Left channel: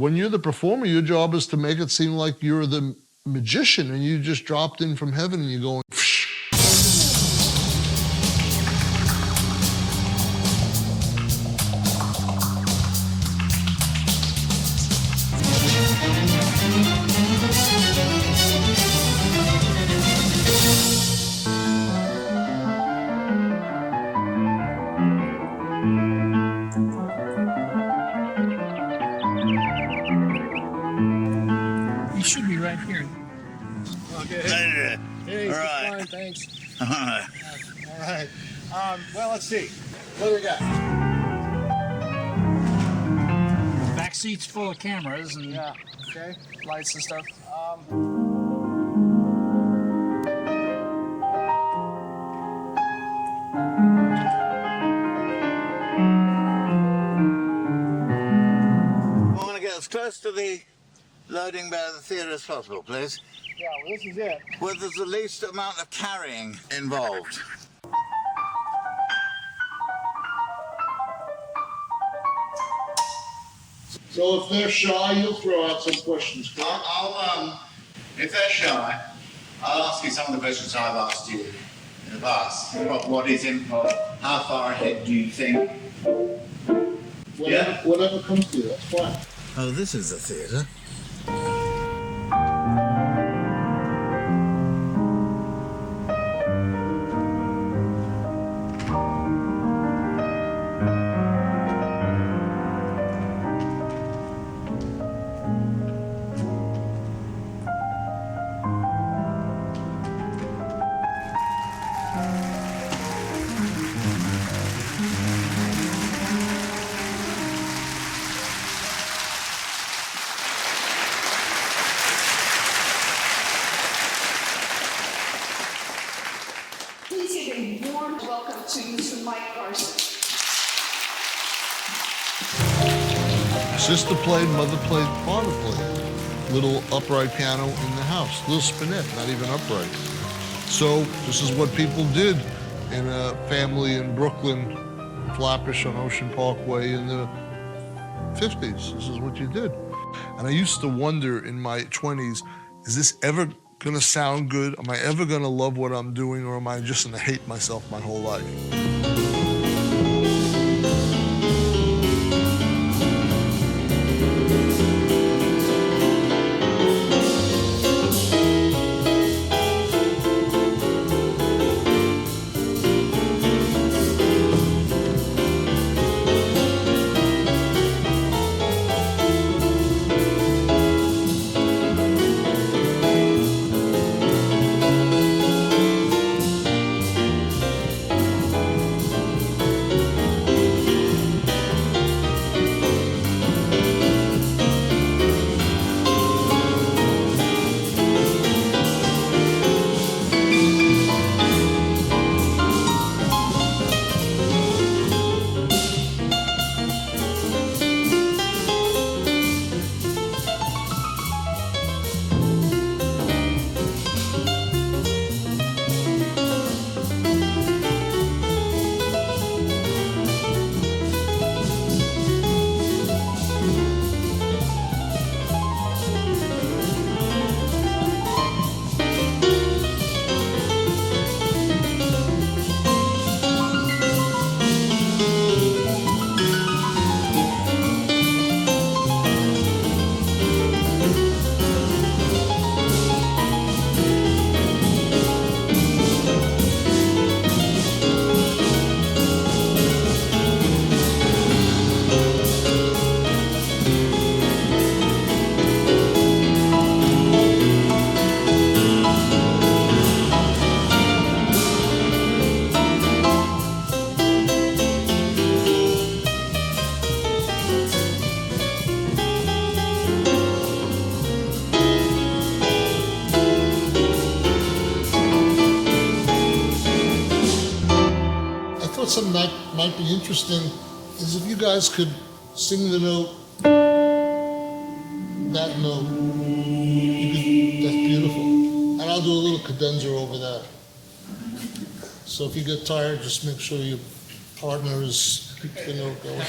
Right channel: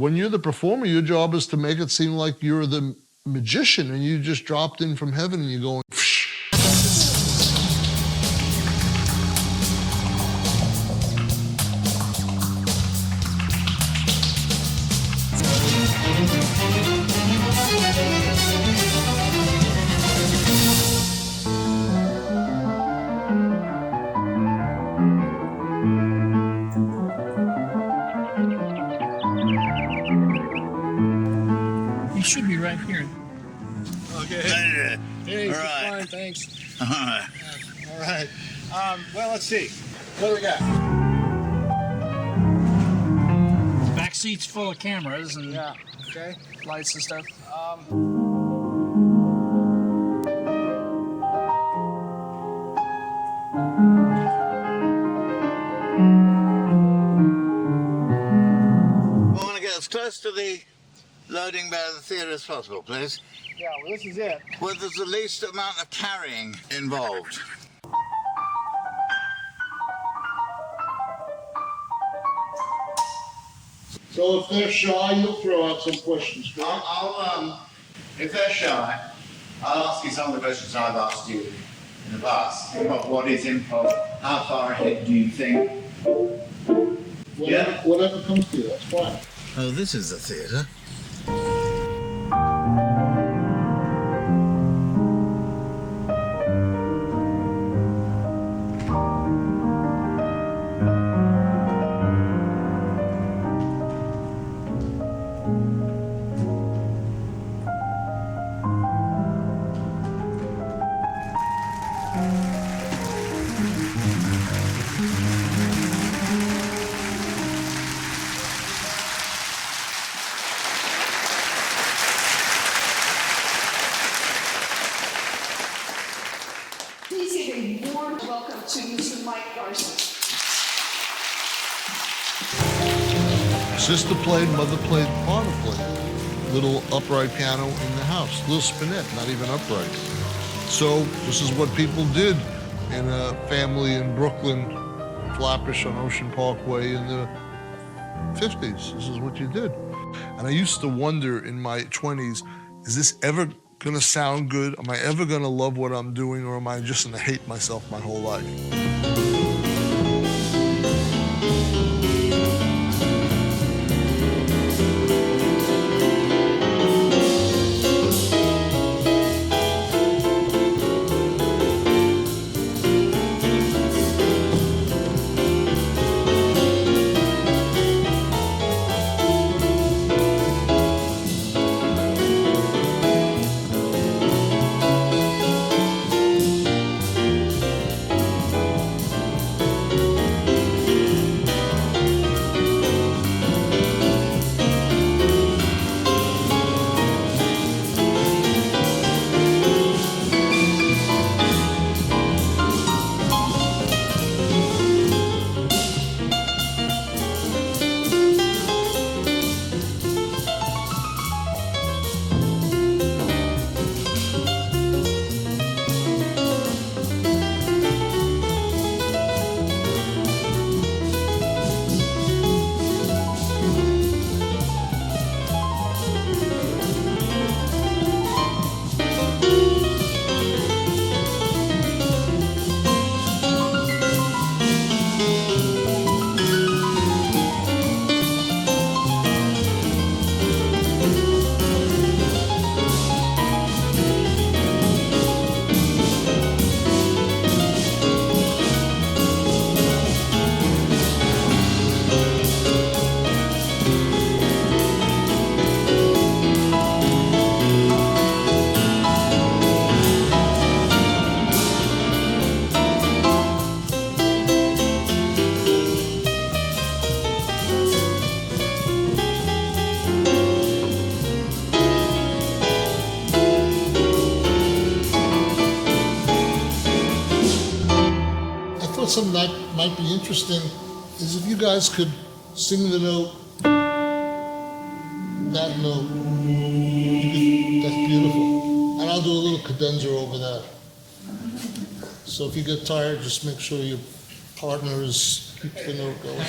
When you're the performer, your job is to make it seem like you're the magician and you just dropped in from heaven and you're going, psh. You should be right here. Okay. Hey, All right. fine, thanks. All right. All right. Well, let's see. What do we got? Back seat's full of cameras and Okay. lights and stuff. I want to get as close to the loading bay of the theatre as possible, please. Yeah, well, this is it. Where there's the least amount of carrying involved. So if they're shy, you'll throw out some questions. If they're shy, I'll ask you some of the questions I've asked you in the past. What is improv? How far ahead do you think? Whatever comes to you, that's fine. Oh, this is the theatre. Please give a warm welcome to Mr. Mike Garson. Sister played, mother played, father played. Little upright piano in the house, little spinet, not even upright. So this is what people did in a family in Brooklyn, Flatbush on Ocean Parkway in the 50s. This is what you did. And I used to wonder in my 20s, is this ever gonna sound good? Am I ever gonna love what I'm doing, or am I just gonna hate myself my whole life? Something that might be interesting is if you guys could sing the note, that note, that's beautiful. And I'll do a little cadenza over that. So if you get tired, just make sure your partner is keep the note going.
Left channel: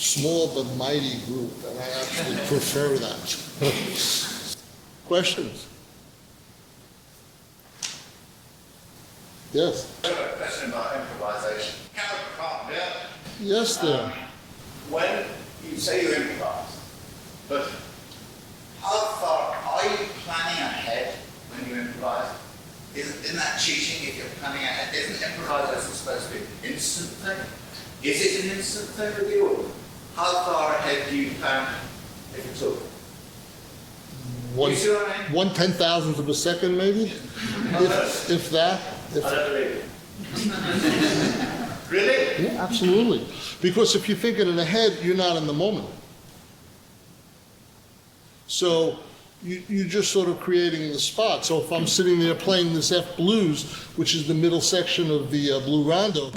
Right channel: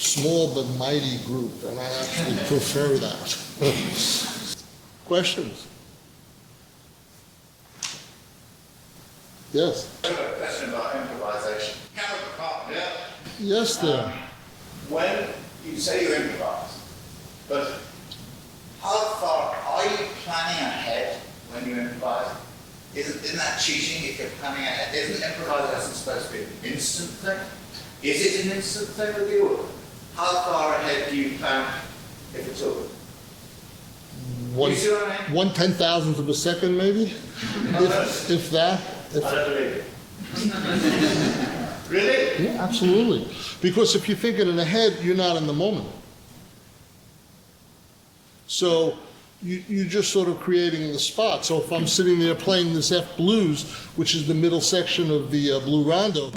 Small but mighty group, and I actually prefer that. Questions? Yes? I have a question about improvisation. Counterpart, yeah? Yes, there. When you say you improvise, but how far are you planning ahead when you improvise? Isn't that cheating if you're planning ahead? Isn't improvisation supposed to be an instant thing? Is it an instant thing with you? How far ahead do you plan, if at all? One, You see what I mean? 1/10,000th of a second, maybe? If that. I don't believe it. Really? Yeah, absolutely. Because if you're thinking in ahead, you're not in the moment. So you're just sort of creating the spot. So if I'm sitting there playing this F blues, which is the middle section of the blue rondo,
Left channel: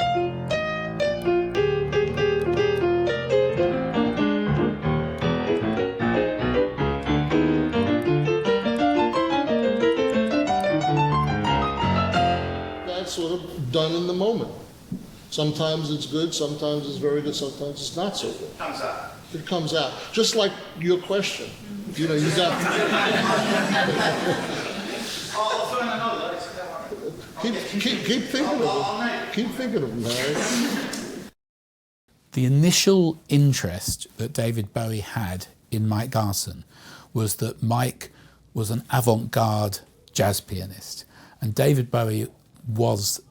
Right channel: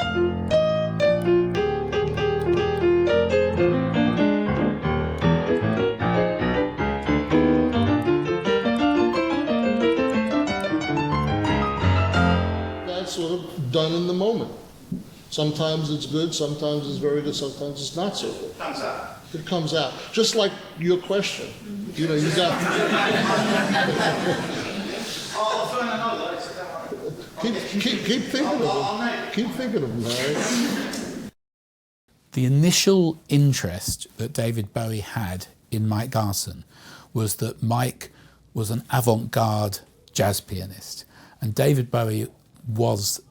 that's sort of done in the moment. Sometimes it's good, sometimes it's very good, sometimes it's not so good. Comes out. It comes out, just like your question. You know, you got. I'll find another. Don't worry. Keep thinking of them. Keep thinking of them, Harry. The initial interest that David Bowie had in Mike Garson was that Mike was an avant-garde jazz pianist, and David Bowie was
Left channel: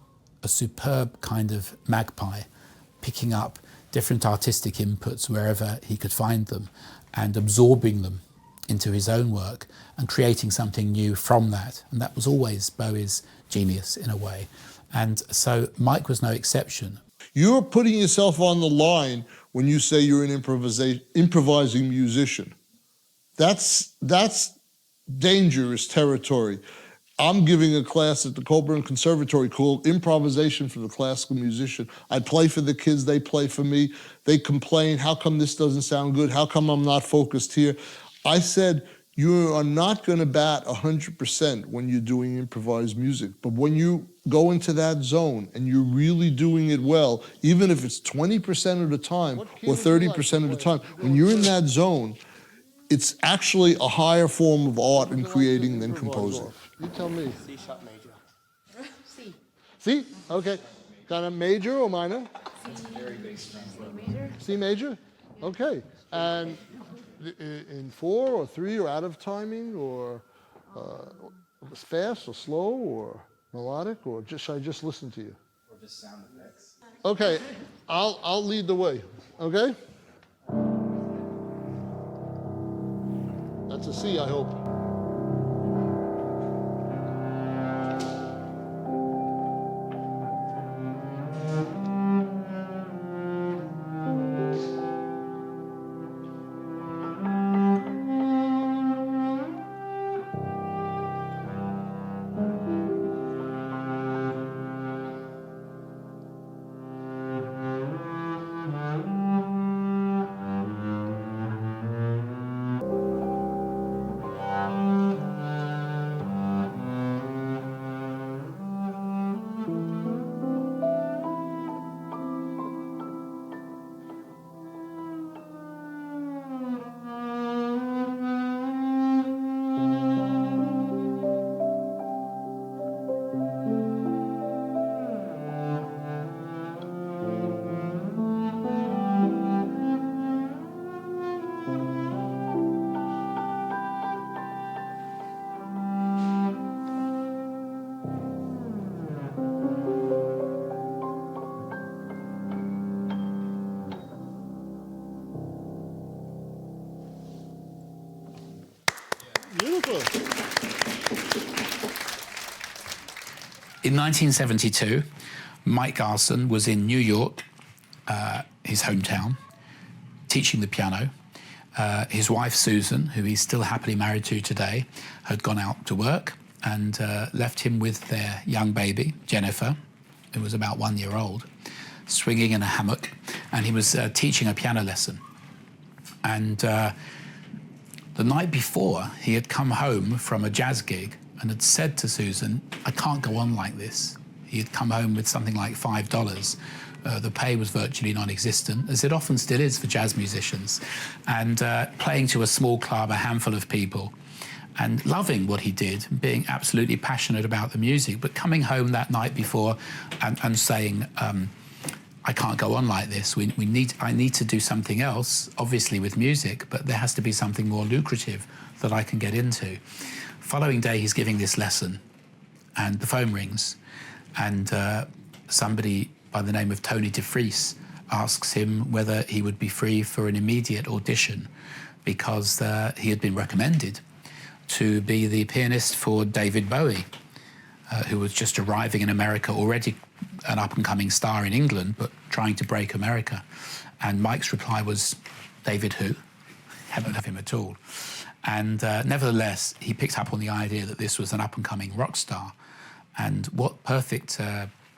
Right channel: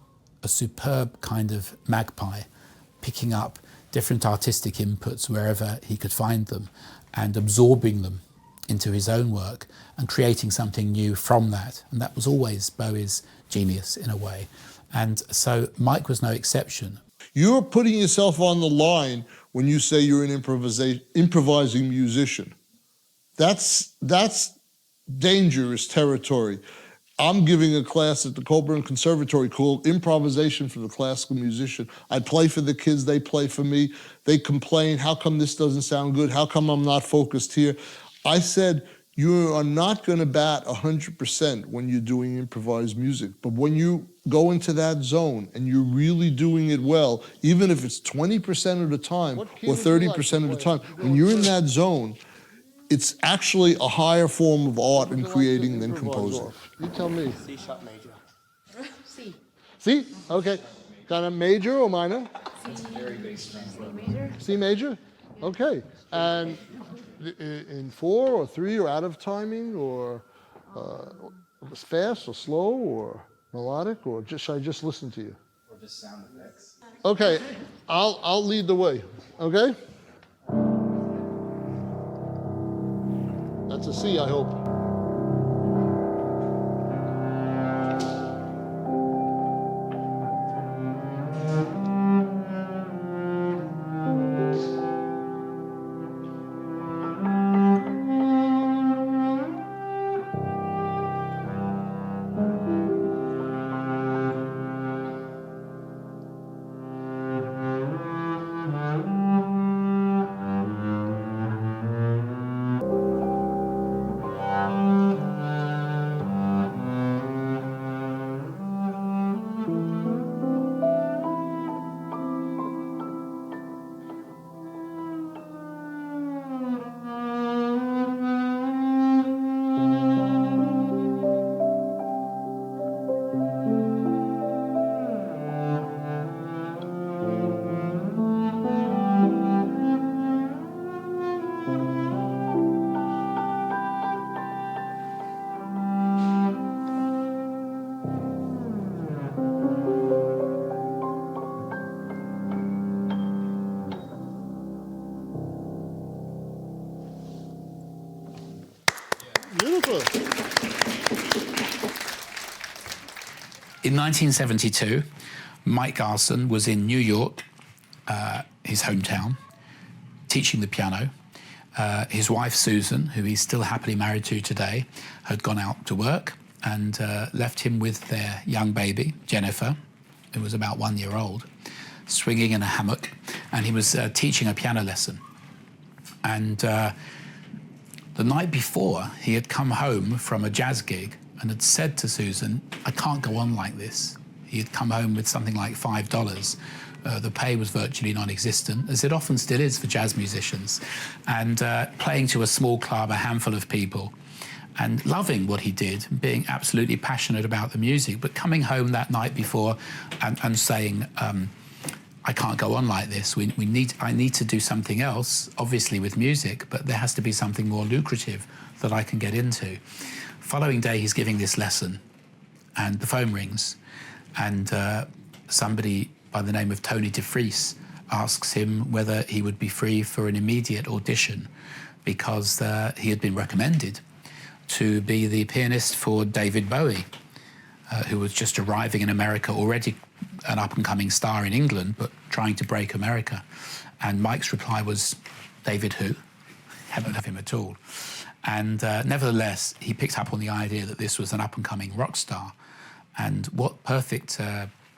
a superb kind of magpie, picking up different artistic inputs wherever he could find them and absorbing them into his own work and creating something new from that. And that was always Bowie's genius in a way. And so Mike was no exception. You're putting yourself on the line when you say you're an improvising musician. That's dangerous territory. I'm giving a class at the Colburn Conservatory called Improvisation for the Classical Musician. I play for the kids, they play for me. They complain, how come this doesn't sound good? How come I'm not focused here? I said, you are not gonna bat 100% when you're doing improvised music, but when you go into that zone and you're really doing it well, even if it's 20% of the time or 30% of the time, when you're in that zone, it's actually a higher form of art and creating than composing. You tell me. C sharp major. C. C? Okay. Kind of major or minor? C major? Okay. And in 4 or 3 or out of timing or fast or slow or melodic or just should I just listen to you? Or just sound effects. Okay. I'll lead the way. Okay? That's a C, I hope. Beautiful. In 1972, Mike Garson was in New York, his hometown, teaching the piano. His wife, Susan, who he's still happily married to today, had gone out to work and left him with their young baby, Jennifer, who was about 1 year old, swinging in a hammock, and he was teaching a piano lesson. And the night before, he had come home from a jazz gig and had said to Susan, I can't go on like this. He had come home with something like $5. The pay was virtually non-existent, as it often still is for jazz musicians, and playing to a small club, a handful of people, and loving what he did, being absolutely passionate about the music, but coming home that night before and saying, I can't go on like this. I need to do something else, obviously with music, but there has to be something more lucrative that I can get into. Following day, he's giving this lesson, and the phone rings, and somebody by the name of Tony DeFries asks him whether he would be free for an immediate audition, because he had been recommended to be the pianist for David Bowie, who was just arriving in America, already an up-and-coming star in England, but trying to break America. And Mike's reply was, David who? Haven't heard of him at all. And nevertheless, he picked up on the idea that this was an up-and-coming rock star. And what perfect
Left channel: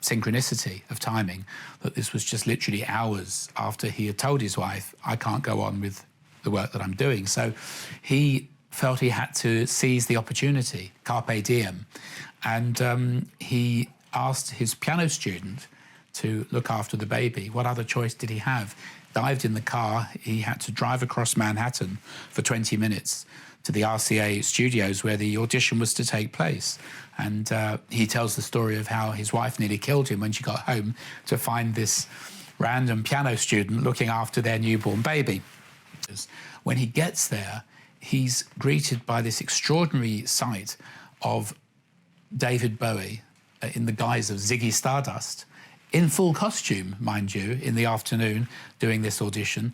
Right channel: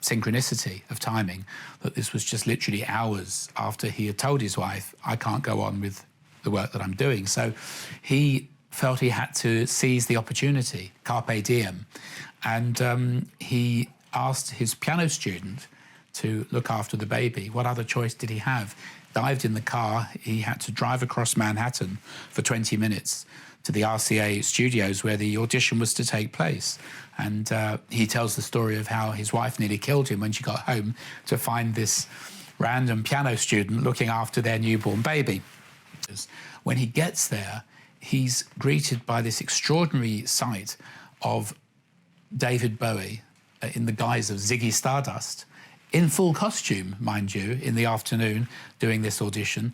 synchronicity of timing, that this was just literally hours after he had told his wife, I can't go on with the work that I'm doing. So he felt he had to seize the opportunity, carpe diem. And he asked his piano student to look after the baby. What other choice did he have? Dived in the car. He had to drive across Manhattan for 20 minutes to the RCA studios where the audition was to take place. And he tells the story of how his wife nearly killed him when she got home to find this random piano student looking after their newborn baby. When he gets there, he's greeted by this extraordinary sight of David Bowie in the guise of Ziggy Stardust, in full costume, mind you, in the afternoon, doing this audition,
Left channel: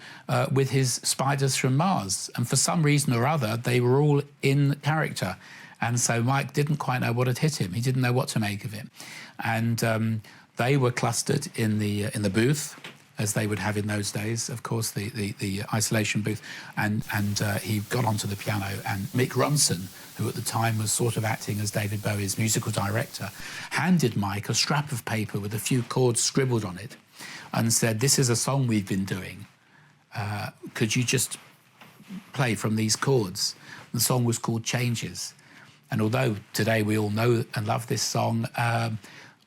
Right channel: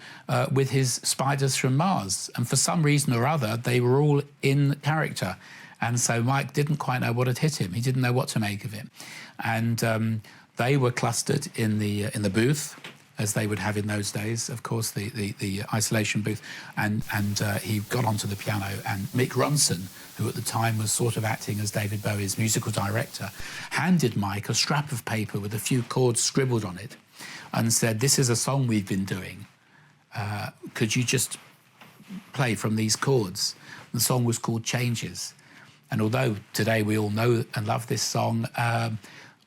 with his spiders from Mars. And for some reason or other, they were all in character. And so Mike didn't quite know what had hit him. He didn't know what to make of it. And they were clustered in the booth, as they would have in those days, of course, the isolation booth. And he got onto the piano, and Mick Ronson, who at the time was sort of acting as David Bowie's musical director, handed Mike a scrap of paper with a few chords scribbled on it and said, this is a song we've been doing. Could you just play from these chords? The song was called Changes. And although today we all know and love this song,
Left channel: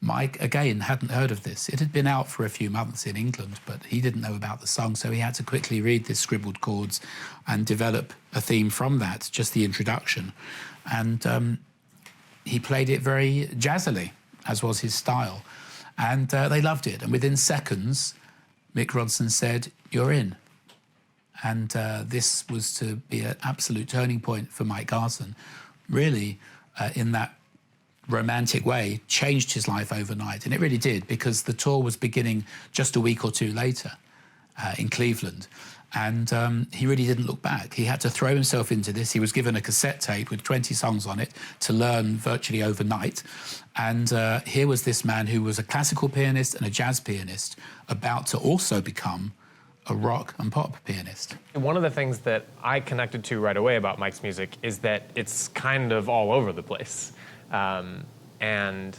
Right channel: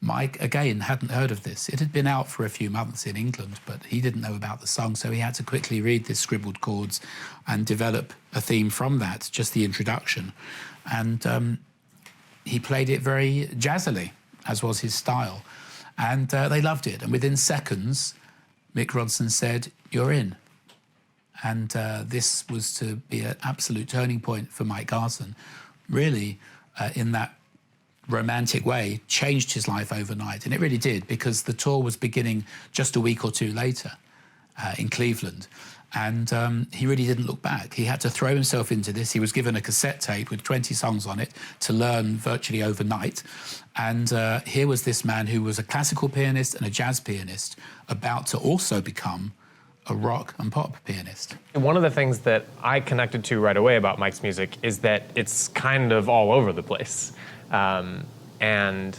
Mike, again, hadn't heard of this. It had been out for a few months in England, but he didn't know about the song, so he had to quickly read the scribbled chords and develop a theme from that, just the introduction. And he played it very jazzily, as was his style. And they loved it. And within seconds, Mick Ronson said, "You're in." And this was to be an absolute turning point for Mike Garson, really, in that romantic way, changed his life overnight. And it really did, because the tour was beginning just a week or two later in Cleveland. And he really didn't look back. He had to throw himself into this. He was given a cassette tape with 20 songs on it to learn virtually overnight. And here was this man who was a classical pianist and a jazz pianist, about to also become a rock and pop pianist. One of the things that I connected to right away about Mike's music is that it's kind of all over the place. And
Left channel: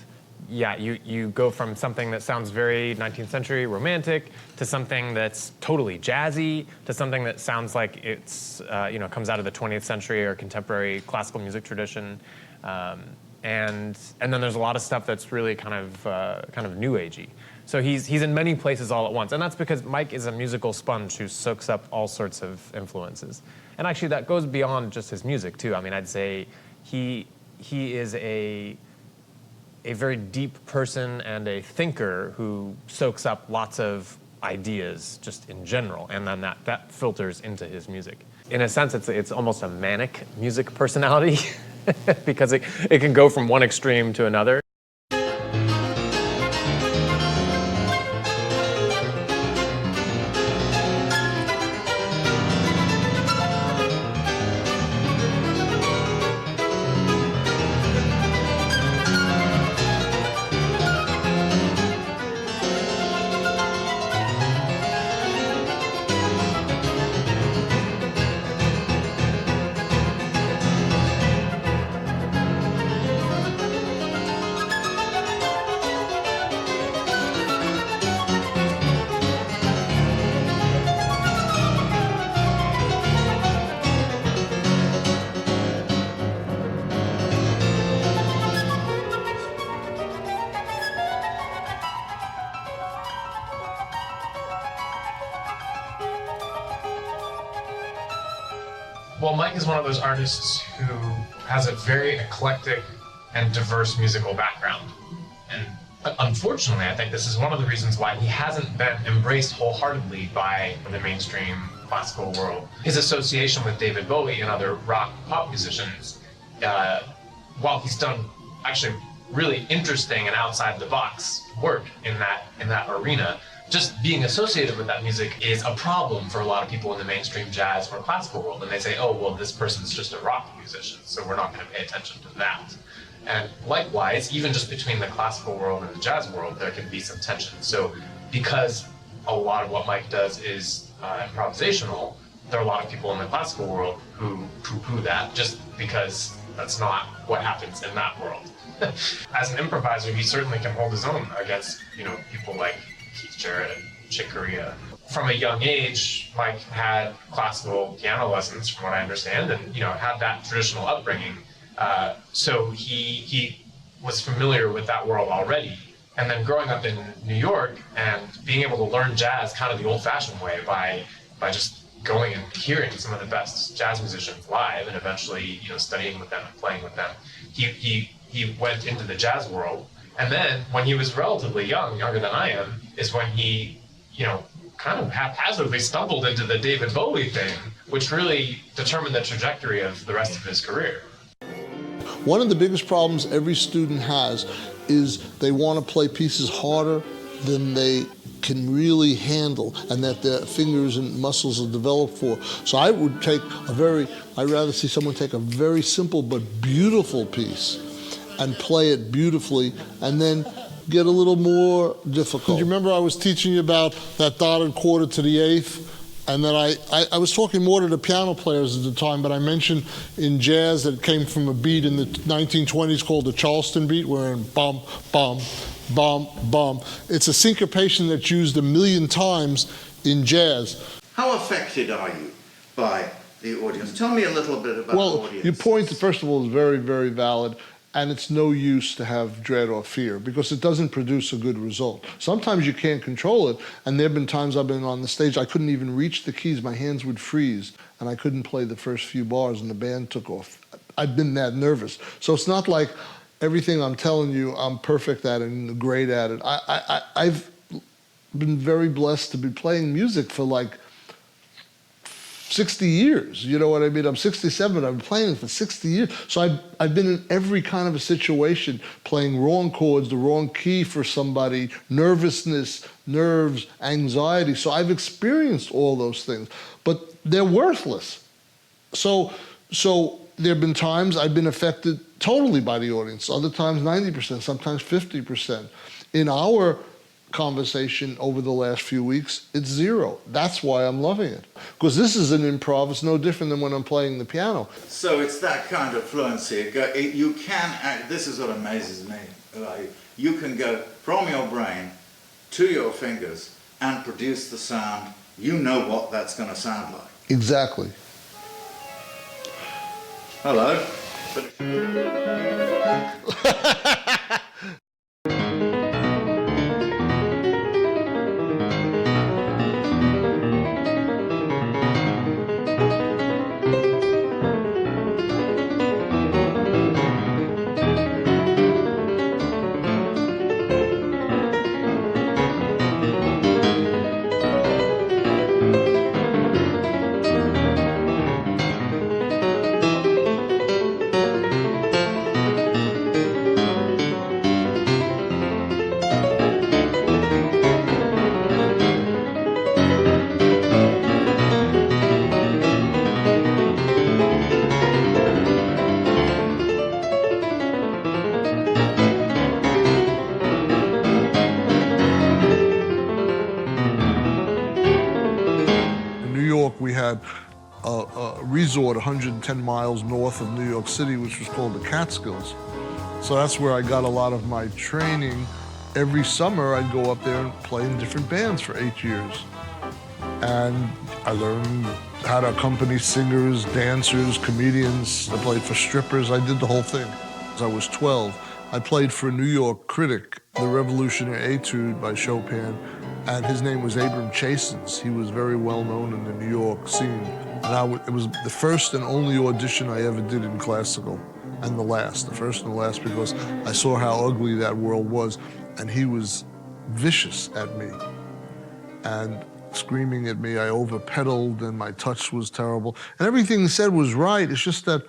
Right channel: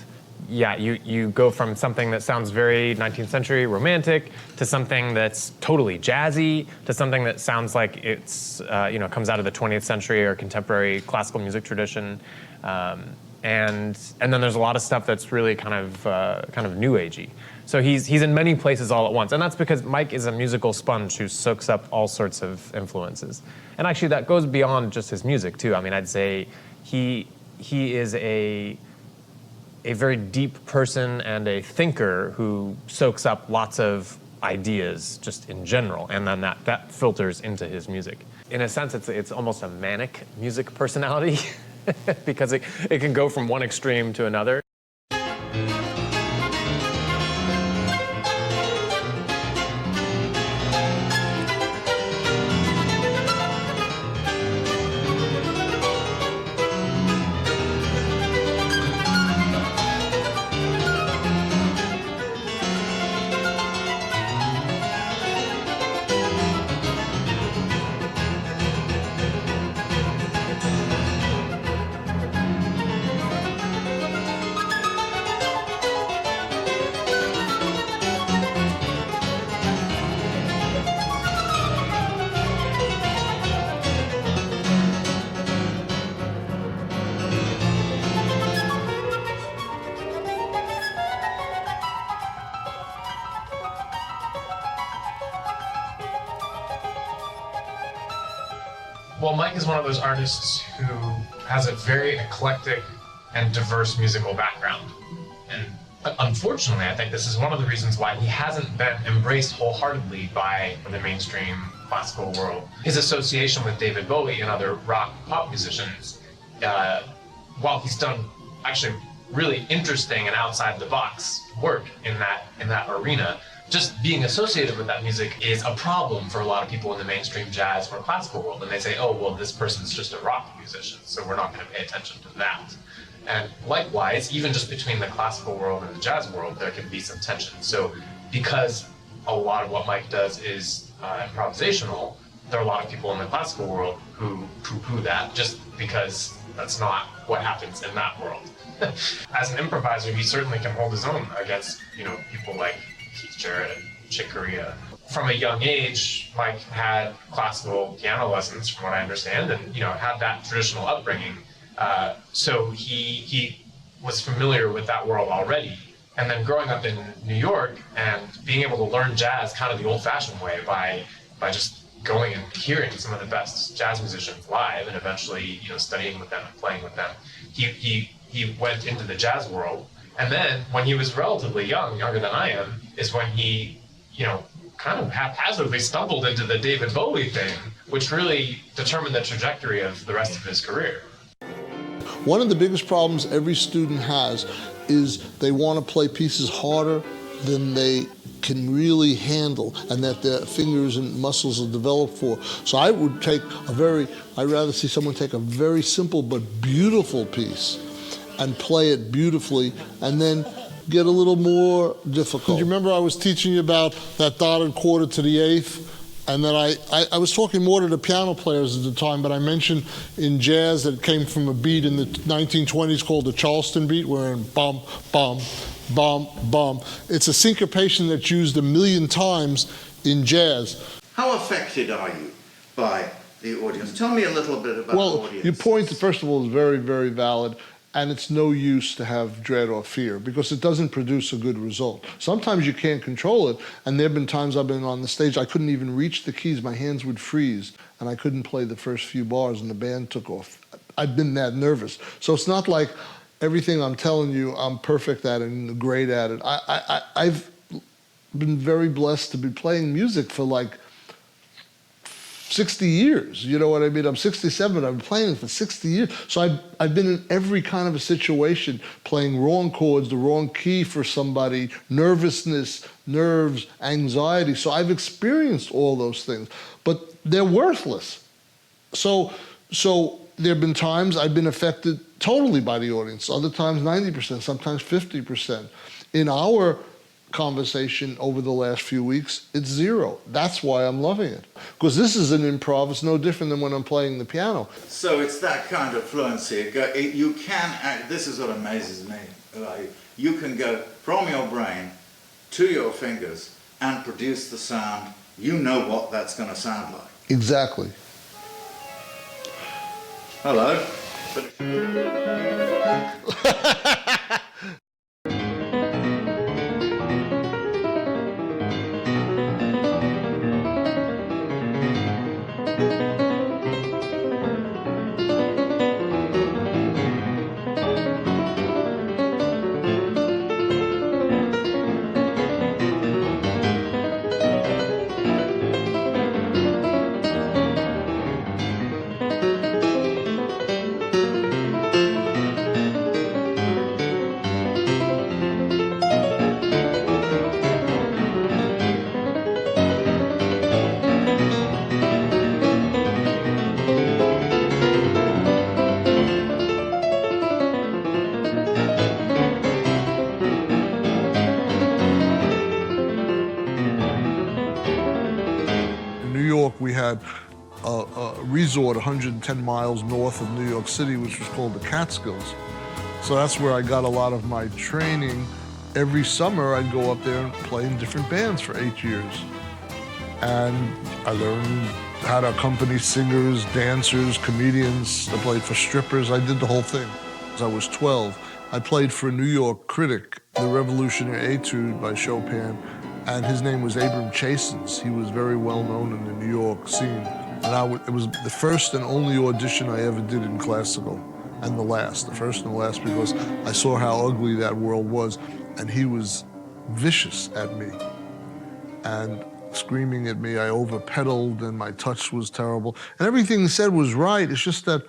yeah, you go from something that sounds very 19th century romantic to something that's totally jazzy to something that sounds like it's, comes out of the 20th century or contemporary classical music tradition. And then there's a lot of stuff that's really kind of new agey. So he's in many places all at once, and that's because Mike is a musical sponge who soaks up all sorts of influences. And actually, that goes beyond just his music too. I mean, I'd say he is a very deep person and a thinker who soaks up lots of ideas just in general, and then that filters into his music. In a sense, it's almost a manic music personality because it can go from one extreme to another. Well, Mike is one of those artists who has a very eclectic and diverse musical background. And unfortunately, I think this is one of the reasons why he hasn't been embraced wholeheartedly by the mainstream classical world. His association with David Bowie and other rock pop musicians, while he's done actually really interesting and outside the box work in that arena, just being associated with that music is a problem for a lot of people in the mainstream jazz or classical world. And they say, oh, well, this person's just a rock musician, so we're not going to pay attention to that. And likewise, even just between the classical world and the jazz world, there can be some tension. So because a lot of what Mike does is improvisational, there are a lot of people in the classical world who poo-poo that just because that's not what happens in that world. As an improviser, he certainly can hold his own against, people like Keith Jarrett and Chick Corea. From a young age, Mike had classical piano lessons, from what I understand, and had that traditional upbringing. So he was familiar with that world already. And then growing up in New York and being able to learn jazz kind of the old-fashioned way by just going and hearing some of the best jazz musicians live, and eventually studying with them and playing with them, he went into the jazz world. And then when he was relatively young, younger than I am, is when he, kind of haphazardly stumbled into the David Bowie thing, which really determined the trajectory of the rest of his career. One of the biggest problems every student has is they want to play pieces harder than they can really handle and that their fingers and muscles are developed for. So I'd rather see someone take a very simple but beautiful piece and play it beautifully, and then get a little more difficult. Do you remember I was teaching you about that dotted quarter to the eighth? And then I was talking more to the piano players at the time, but I mentioned in jazz that it came from a beat in the 1920s called the Charleston beat, where in bum, bum, bum, bum. It's a syncopation that's used 1 million times in jazz. How affected are you by the audience? Tell me a little bit about the audience. Well, your point, first of all, is very, very valid. And it's no use to have dread or fear because it doesn't produce a good result. Sometimes you can't control it, and there have been times I've been on the stage, I couldn't even reach the keys, my hands would freeze, and I couldn't play the first few bars, and the band took off. I've been that nervous. So it's not like everything I'm telling you, I'm perfect at it and great at it. I've been very blessed to be playing music for like 60 years, you know what I mean? I'm 67, I've been playing it for 60 years. So I've been in every kind of a situation, playing wrong chords, the wrong key for somebody, nervousness, nerves, anxiety. So I've experienced all those things, but they're worthless. So there have been times I've been affected totally by the audience, other times 90%, sometimes 50%. In our conversation over the last few weeks, it's zero. That's why I'm loving it. Because this is an improv, it's no different than when I'm playing the piano. So it's that kind of fluency. You can, this is what amazes me. You can go from your brain to your fingers and produce the sound. You know what that's going to sound like. Exactly. Hello. In New York, we had a resort 110 miles north of New York City, which was called the Catskills. So that's where I got a lot of my training. Every summer, I'd go up there and play in different bands for 8 years. And I learned how to accompany singers, dancers, comedians. I played for strippers. I did the whole thing. As I was 12, I played for a New York critic, the Revolutionary Etude by Chopin, and his name was Abram Chasins. He was very well known in the New York scene. And it was the first and only audition I ever did in classical, and the first and the last, because I saw how ugly that world was, and he was vicious at me and screaming at me. I over-pedaled and my touch was terrible. And everything he said was right. It's just that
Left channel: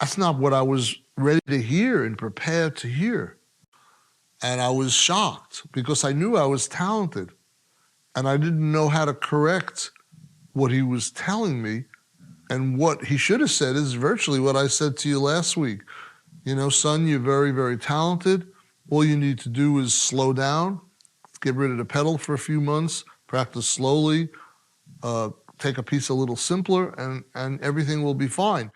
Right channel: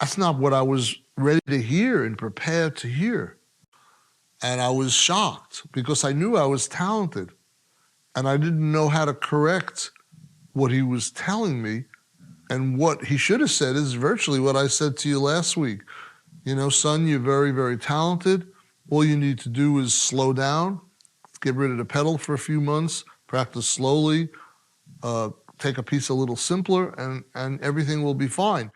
that's not what I was ready to hear and prepared to hear. And I was shocked because I knew I was talented and I didn't know how to correct what he was telling me. And what he should have said is virtually what I said to you last week. You know, son, you're very, very talented. All you need to do is slow down, get rid of the pedal for a few months, practice slowly, take a piece a little simpler, and everything will be fine.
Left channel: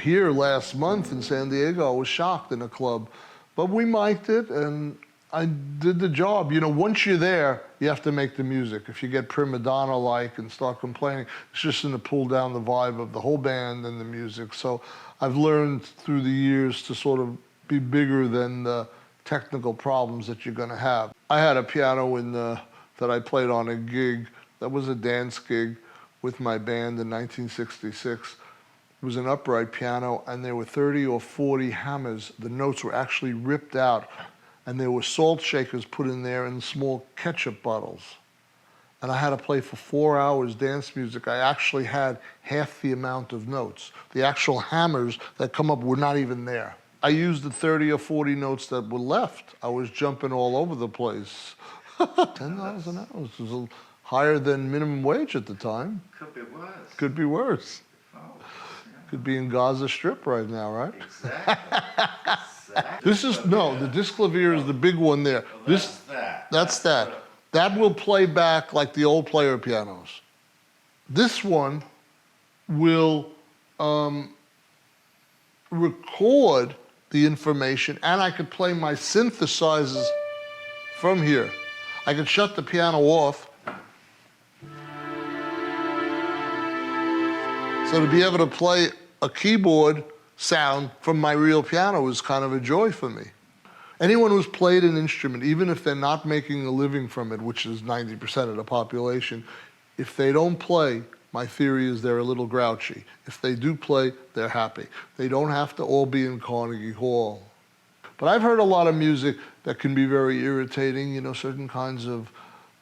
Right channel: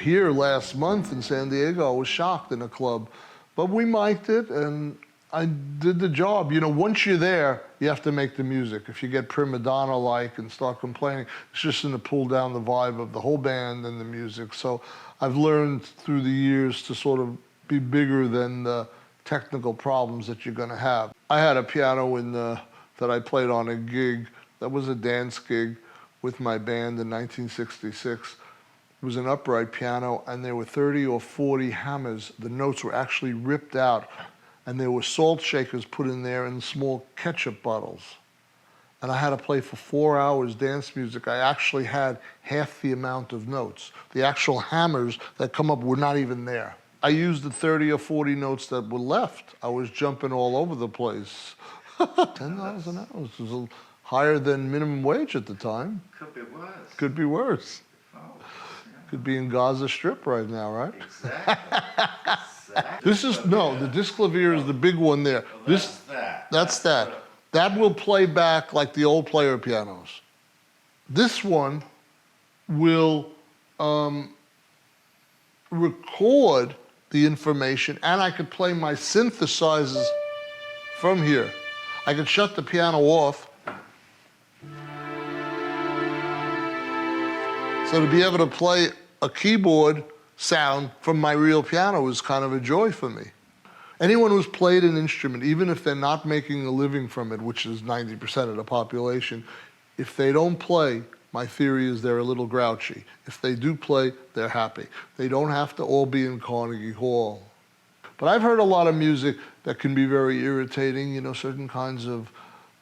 Here last month in San Diego, I was shocked in a club, but we mic'd it and I did the job. You know, once you're there, you have to make the music. If you get prima donna-like and start complaining, it's just going to pull down the vibe of the whole band and the music. So I've learned through the years to sort of be bigger than the technical problems that you're going to have. I had a piano that I played on a gig. That was a dance gig with my band in 1966. It was an upright piano, and there were 30 or 40 hammers. The notes were actually ripped out, and there were salt shakers put in there and small ketchup bottles. And I had to play for 4 hours dance music. I actually had half the amount of notes. The actual hammers that come up were not even there. I used the 30 or 40 notes that were left. I was jumping all over the place. $10 an hour was higher than minimum wage at the time. Could be worse. Could be worse. Oh, yeah. Could be in Gaza Strip right now, right? Exactly. Exactly. This is, no, the disc clavier is the big one there. Well, that's That's that. That will play back like the old player pianos. This one will record the information, and I could play my synthesizers from here. I could shut the piano off. So to be able to play a keyboard sound from my real piano is kind of a joy for me. Anyone who's played an instrument, even if they're not making a living from it, which is 90% of the population, if they don't play, my theory is they're a little grouchy. If they do play, they're happy. They don't have to all be in Carnegie Hall. But I've heard a lot of music that can be very irritating, you know, certain kinds of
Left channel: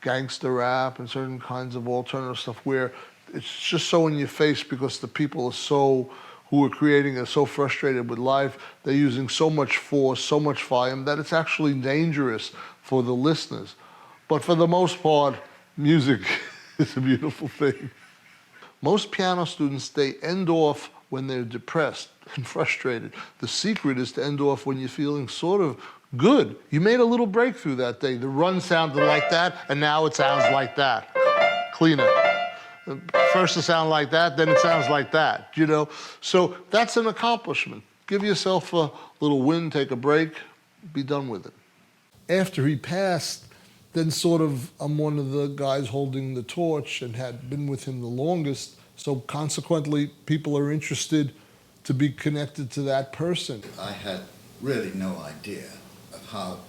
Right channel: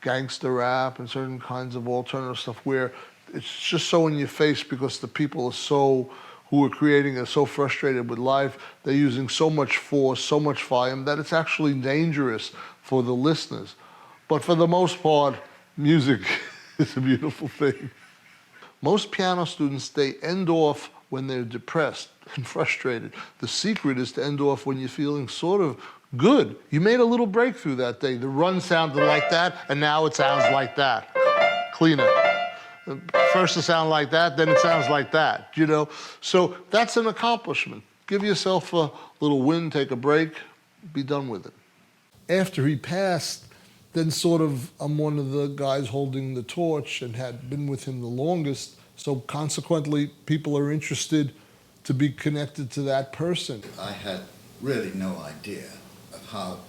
gangster rap and certain kinds of alternative stuff where it's just so in your face because the people who are creating are so frustrated with life, they're using so much force, so much volume, that it's actually dangerous for the listeners. But for the most part, music is a beautiful thing. Most piano students, they end off when they're depressed and frustrated. The secret is to end off when you're feeling sort of good. You made a little breakthrough that day. The run sounded like that, and now it sounds like that. Cleaner. First it sounds like that, then it sounds like that, you know? So that's an accomplishment. Give yourself a little win, take a break, be done with it. After he passed, then sort of I'm one of the guys holding the torch and had been with him the longest, so consequently people are interested to be connected to that person. I had really no idea of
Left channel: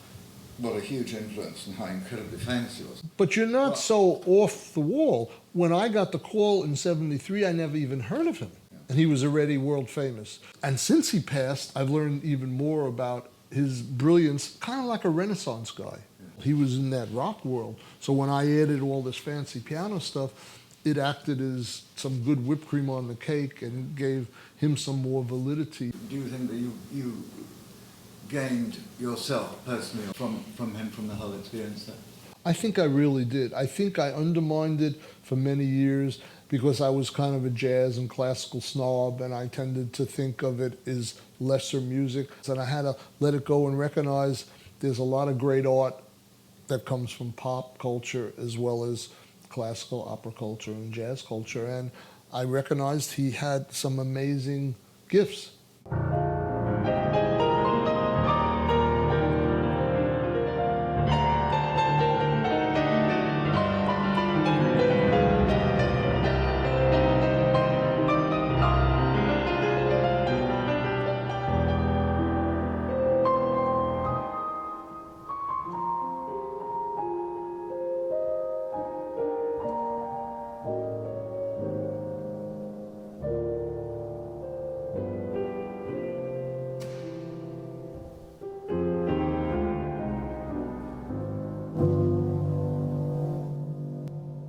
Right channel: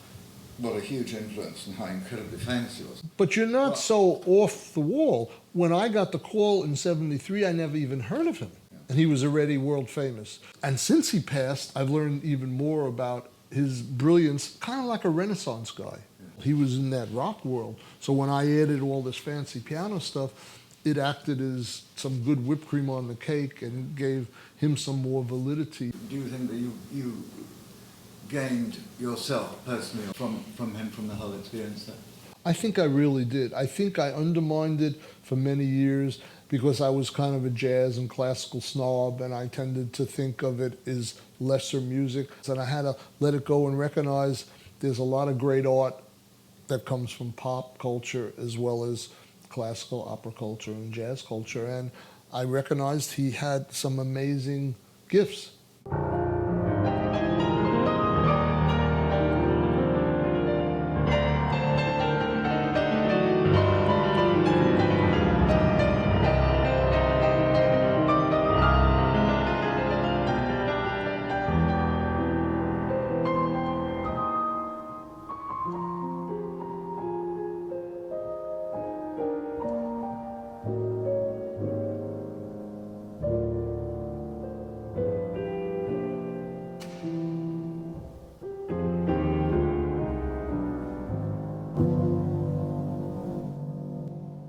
what a huge influence and how incredibly famous he was. But you're not so off the wall. When I got the call in '73, I never even heard of him. And he was already world famous. And since he passed, I've learned even more about his brilliance, kind of like a Renaissance guy. He was in that rock world. So when I added all this fancy piano stuff, it acted as some good whipped cream on the cake and gave him some more validity. Do you think that you gained yourself personally from him, from the whole experience there? I think I really did. I think I undermined it for many years because I was kind of a jazz and classical snob, and I tended to think of it as lesser music. And I had to let it go and recognize there's a lot of great art that comes from pop culture as well as classical opera culture and jazz culture. And I recognized he had some amazing gifts.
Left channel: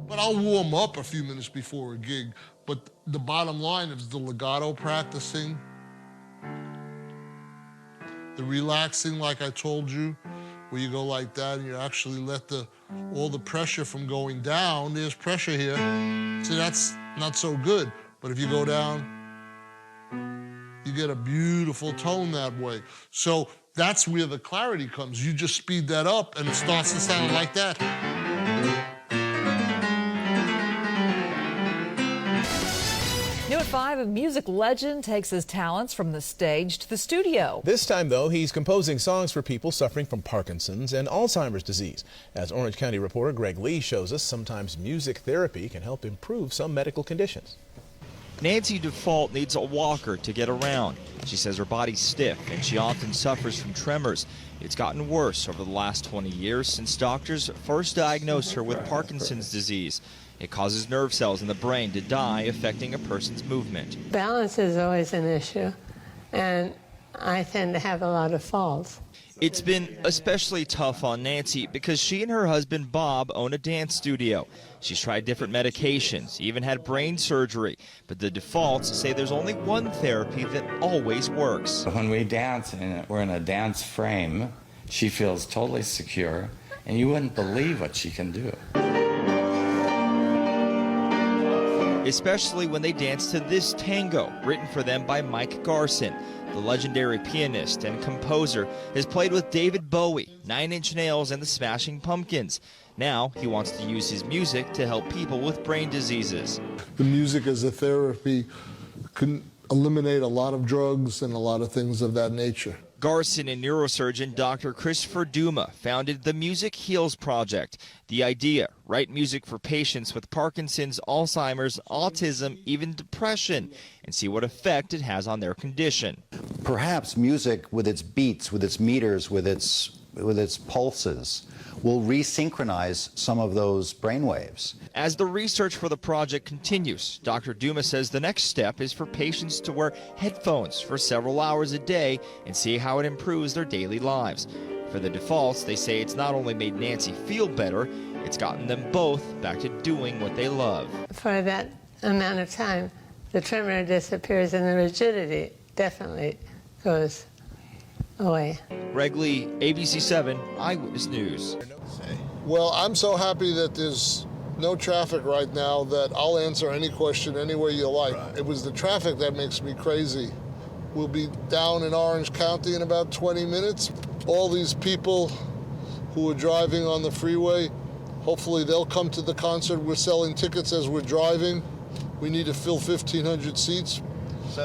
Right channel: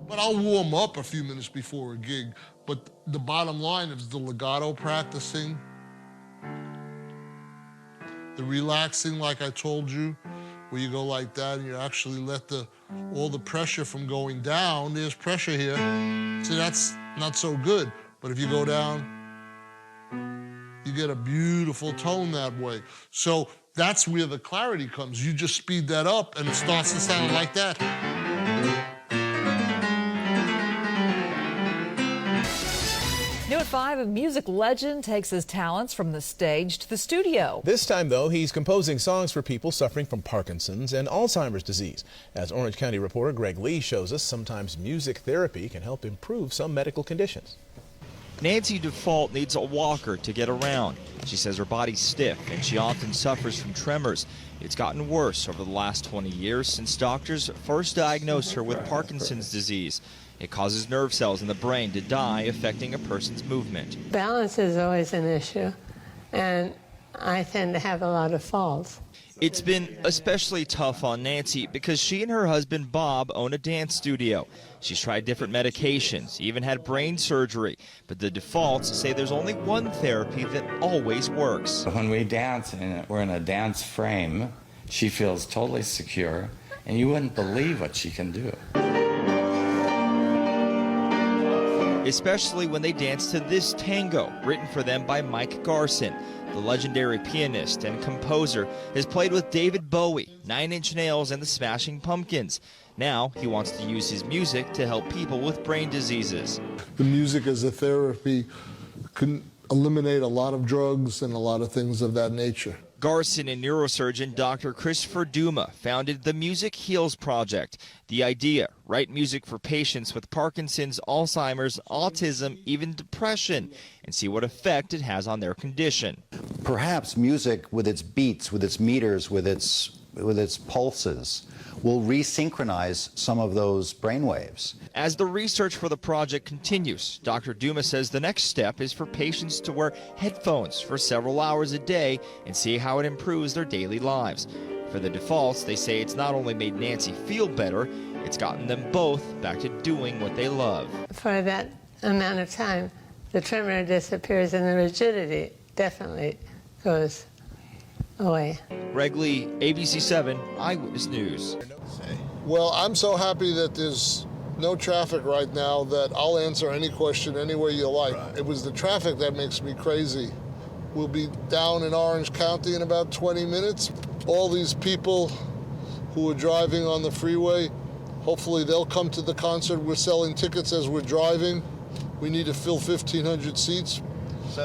But I'll warm up a few minutes before a gig. But the bottom line is the legato practicing, the relaxing, like I told you, where you go like that and you actually let all the pressure from going down. There's pressure here. See, that's not so good. But if you go down, you get a beautiful tone that way. So that's where the clarity comes. You just speed that up and it starts to sound like that. New at 5, a music legend takes his talents from the stage to the studio. This time, though, he's composing songs for people suffering from Parkinson's and Alzheimer's disease. As Orange County reporter Greg Lee shows us, sometimes music therapy can help improve some medical conditions. Nancy Default needs a walker to get around. She says her body's stiff and she often suffers from tremors. It's gotten worse over the last 20 years since doctors first diagnosed her with Parkinson's disease. It causes nerve cells in the brain to die, affecting a person's movement. Balance is always an issue, and I tend to have a lot of falls. It's been especially tough on Nancy because she and her husband Bob own a dance studio. She's tried different medications, even had brain surgery, but the defaults say there's only one therapy that always works. When we dance and we're in a dance frame, she feels totally secure, and you wouldn't believe what she can do. Especially when they dance to this tango, written for them by Mike Garson. The legendary pianist and composer has played with David Bowie, 9 Inch Nails, and the Smashing Pumpkins. Now he wants to use his music to help people with brain diseases. The music as a therapy can eliminate a lot of drugs and a lot of things of that nature. Garson and neurosurgeon Dr. Christopher Duma founded the Music Heals Project. The idea, write music for patients with Parkinson's, Alzheimer's, autism, even depression, and see what effect it has on their condition. Perhaps music with its beats, with its meters, with its pulses, will resynchronize some of those brainwaves. As the research for the project continues, Dr. Duma says the next step is for patients to wear headphones for several hours a day and see how it improves their daily lives. For the defaults, they say it's not only made Nancy feel better, it's gotten them both back to doing what they love. For that amount of time, the tremor disappears and the rigidity definitely goes away. Greg Lee, ABC7 Eyewitness News. Well, I'm so happy that there's no traffic right now that I'll answer any question any way you like. It was the traffic that makes me crazy. We'll be down in Orange County in about 20 minutes. All these people who are driving on the freeway, hopefully they'll come to the concert. We're selling tickets as we're driving. We need to fill 1,500 seats.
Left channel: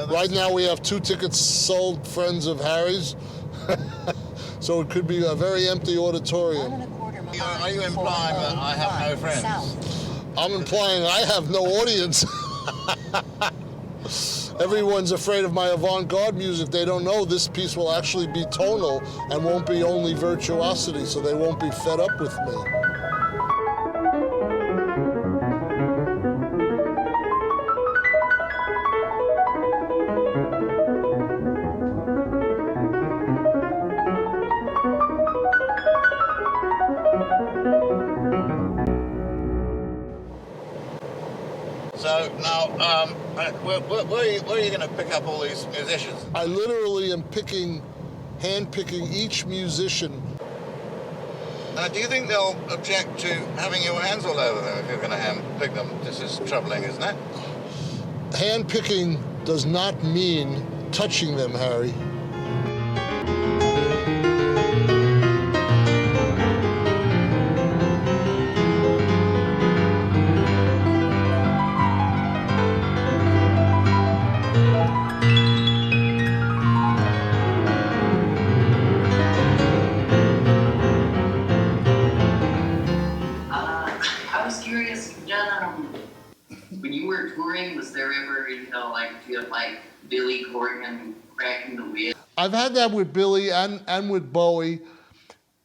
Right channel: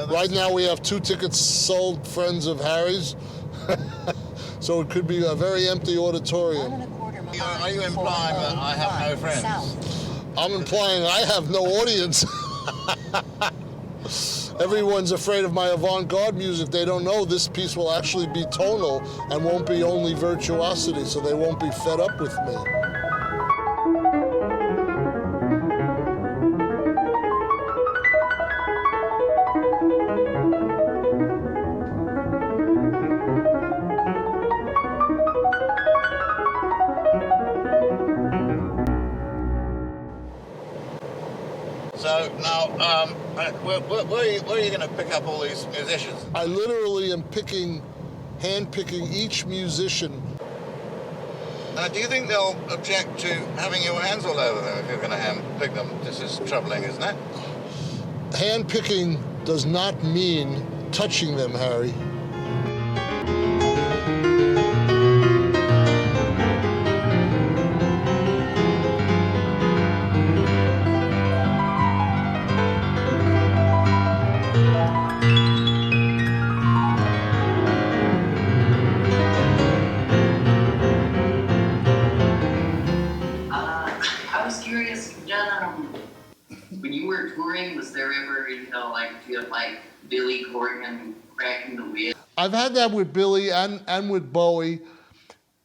Right now we have 2 tickets sold, friends of Harry's. So it could be a very empty auditorium. Are you implying that I have no friends? I'm implying I have no audience. Everyone's afraid of my avant-garde music. They don't know this piece will actually be tonal and won't be only virtuosity, so they won't be fed up with me. So now, where are you going to pick up all these musicians? I literally am hand-picking each musician. Do you think they'll object to having your hands all over them if you're going to hand-pick them? This is troubling, isn't it? Hand-picking does not mean touching them, Harry. When you were touring, was there ever, like, you had, like, Billy Corgan cracking the whip? I've had that with Billy and with Bowie,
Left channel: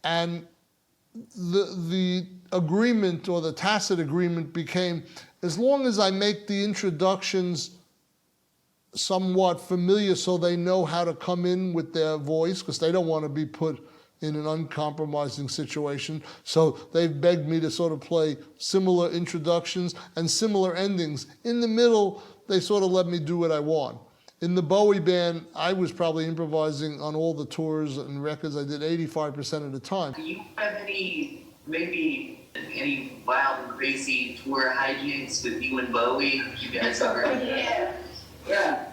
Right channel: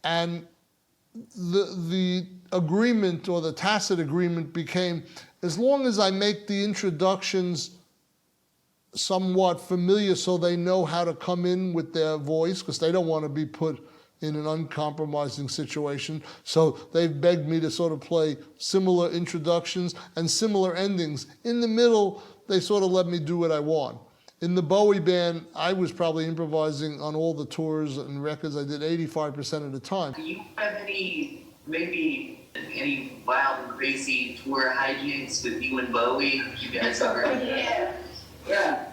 and the agreement, or the tacit agreement, became, as long as I make the introductions somewhat familiar so they know how to come in with their voice, because they don't want to be put in an uncompromising situation. So they've begged me to sort of play similar introductions and similar endings. In the middle, they sort of let me do what I want. In the Bowie band, I was probably improvising on all the tours and records I did 85% of the time. Do you have any wild and crazy tour hijinks with you and Bowie? You guys are... Yeah.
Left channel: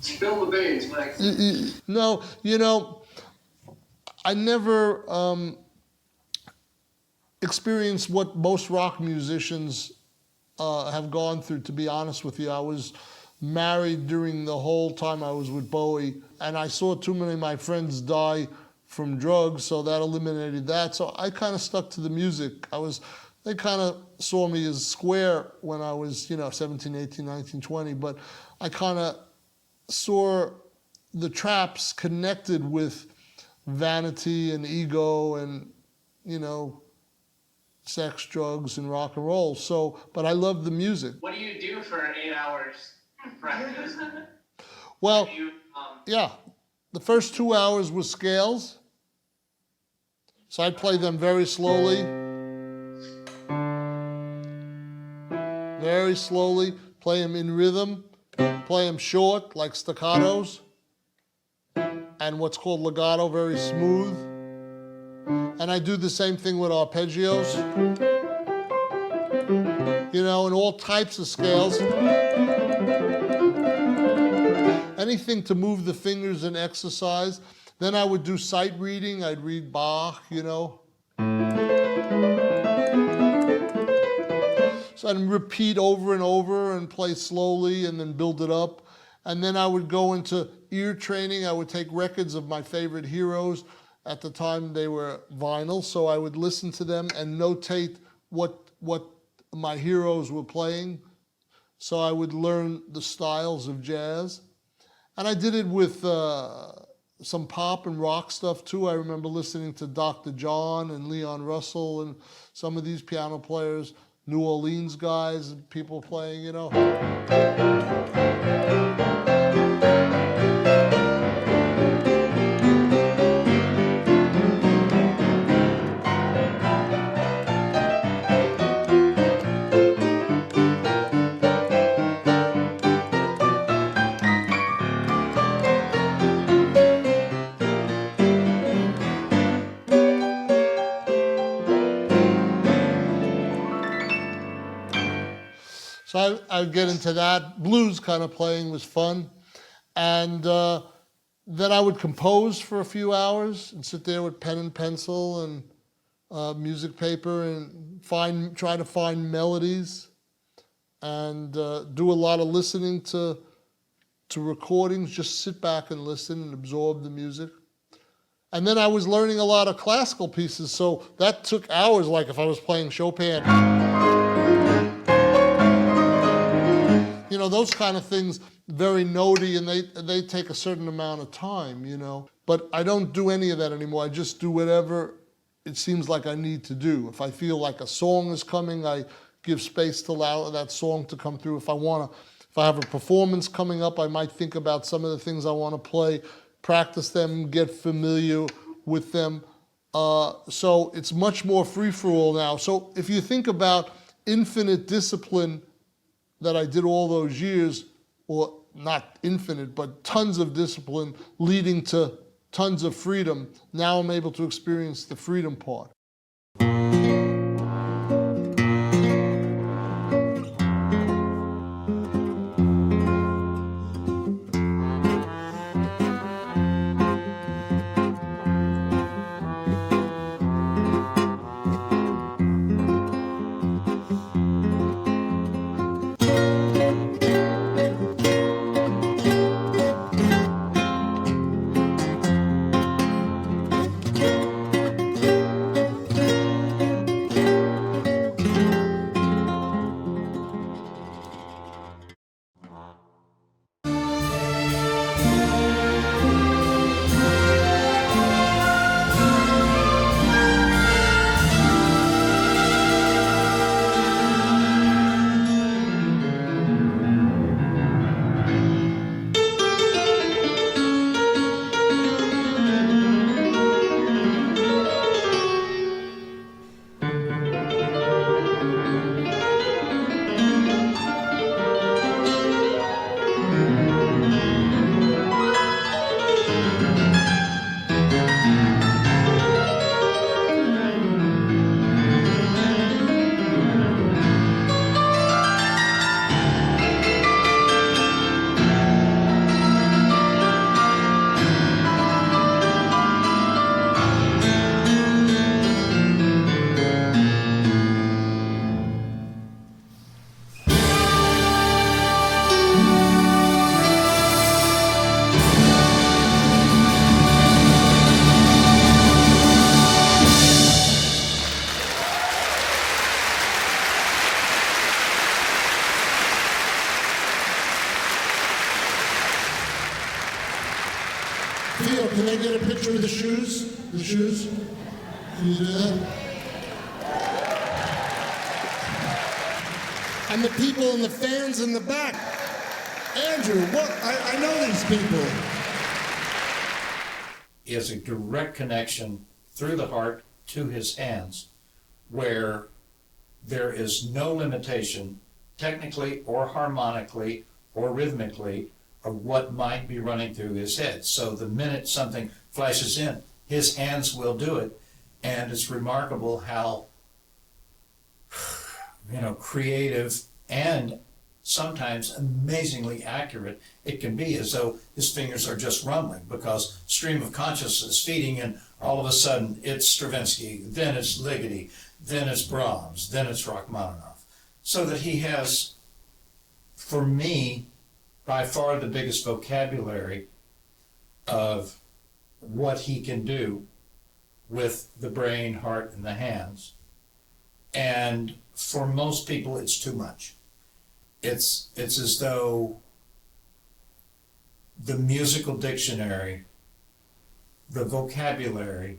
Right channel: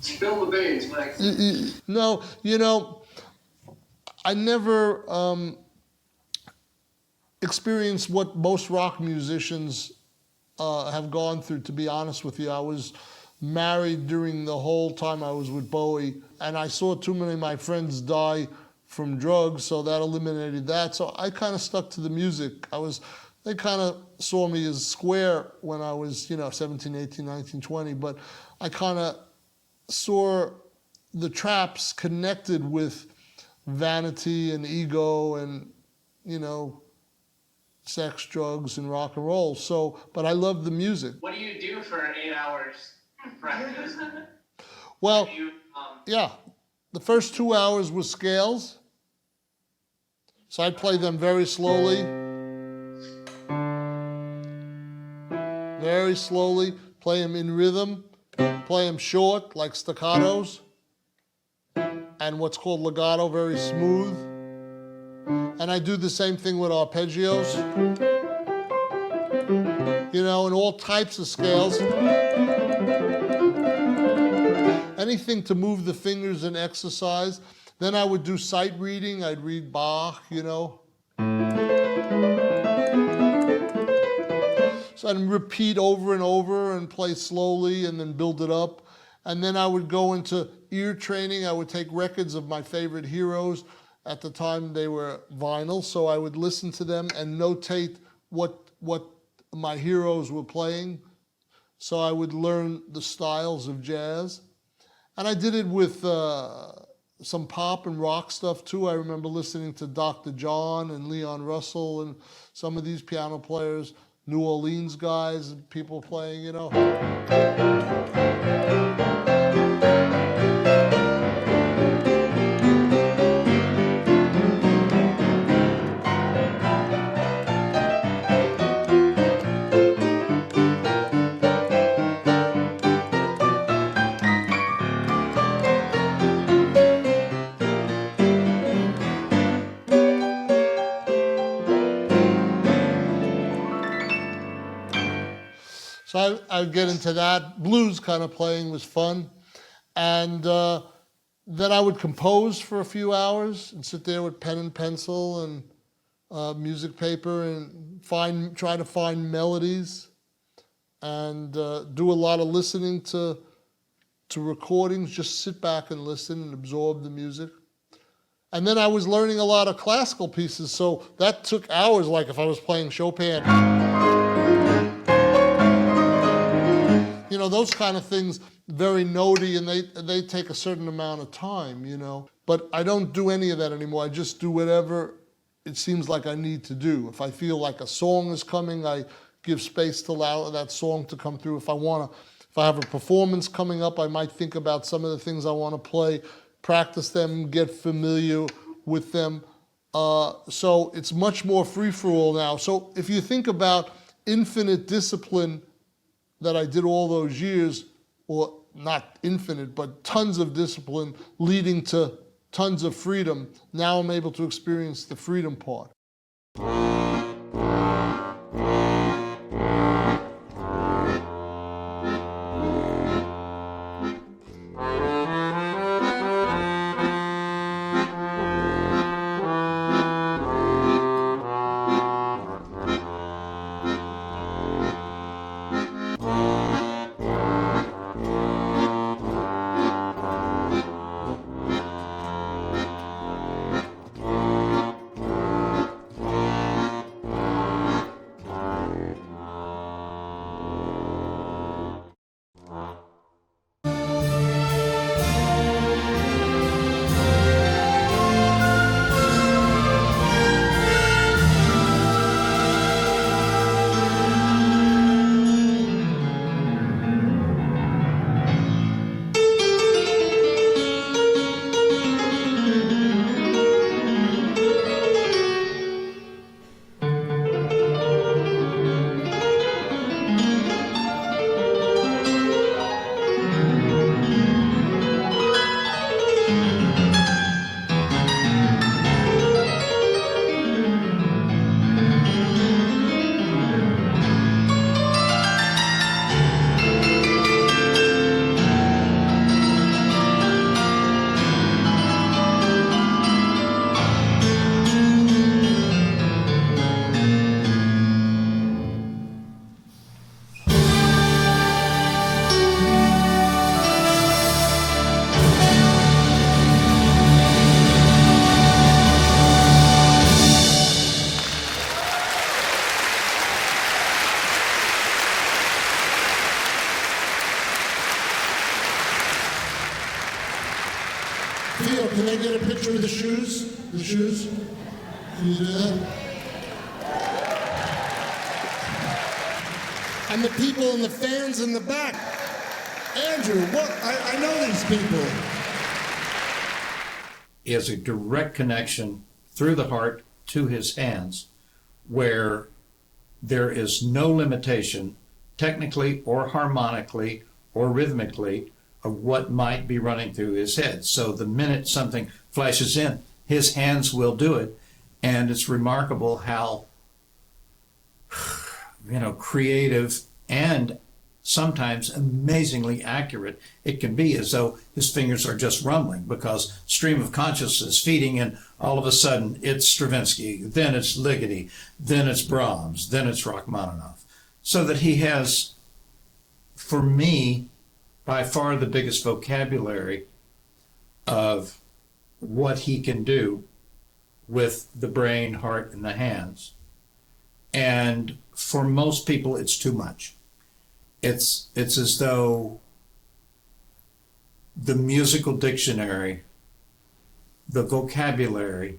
Spill the beans, Max. No, I never experienced what most rock musicians have gone through, to be honest with you. I was married during the whole time I was with Bowie, and I saw too many of my friends die from drugs, so that eliminated that. So I kind of stuck to the music. They kind of saw me as square when I was, 17, 18, 19, 20, but I kind of saw the traps connected with vanity and ego and, sex, drugs, and rock and roll. So, but I love the music. What do you do for 8 hours practice? Well, yeah. the first 2 hours were scales. So I'd play them very slowly. Very slowly, play them in rhythm, play them short, like staccatos, and what's called legato, very smooth. And I do the same thing with arpeggios. You know, in all types of scales. Anything to move the fingers and exercise. Then I would do sight reading. I'd read Bach, you know. So I'd repeat over and over and play slowly and then build it up. And then I would go into ear training. I would take records of my favorite heroes. At the time they were vinyl, so I would listen to them and notate what my heroes were playing. So I would learn the styles of jazz. And I did it with some pop and rock stuff too. I remember listening to Dr. John and Leon Russell and some of these piano players, New Orleans guys, and people playing, you know. So I'd get into that. Blues kind of playing was fun. And then I would compose for a few hours and sit there with pen and pencil and music paper and try to find melodies and do a lot of listening to recordings, just sit back and listen and absorb the music. And then I was learning a lot of classical pieces, so that took hours, like if I was playing Chopin. You know, those kind of things, very notey, and they take a certain amount of time, you know. But I don't do any of that anymore. I just do whatever it seems like I need to do. If I feel like a song is coming, I give space to allow that song to come through. If I have a performance coming up, I might think about some of the things I want to play, practice them, get familiar with them. So it's much more free-for-all now. So if you think about infinite discipline that I did all those years, or not infinite, but tons of discipline leading to tons of freedom, now I'm able to experience the freedom part. Theo, can I get a picture of the shoes? The shoes? Can you do that? And the people and the fans in the back. Andrew, what? I know these people. is a direct connection through the heart to his hands, where there is no limitation, technically or harmonically or rhythmically, of what might be running through his head. So the minute something flashes in, his hands will do it. And it's remarkable how, creative and sometimes amazingly accurate it can be, as though his fingers are just rumbling, because stream of consciousness feeding in, all of a sudden it's Stravinsky, then it's Ligeti, then it's Brahms, then it's Rachmaninoff. So that he has, for me, by far the biggest vocabulary of what he can do with the brain, heart, and the hands. And for most people, it's too much. It's as though the musical dictionary, the vocabulary,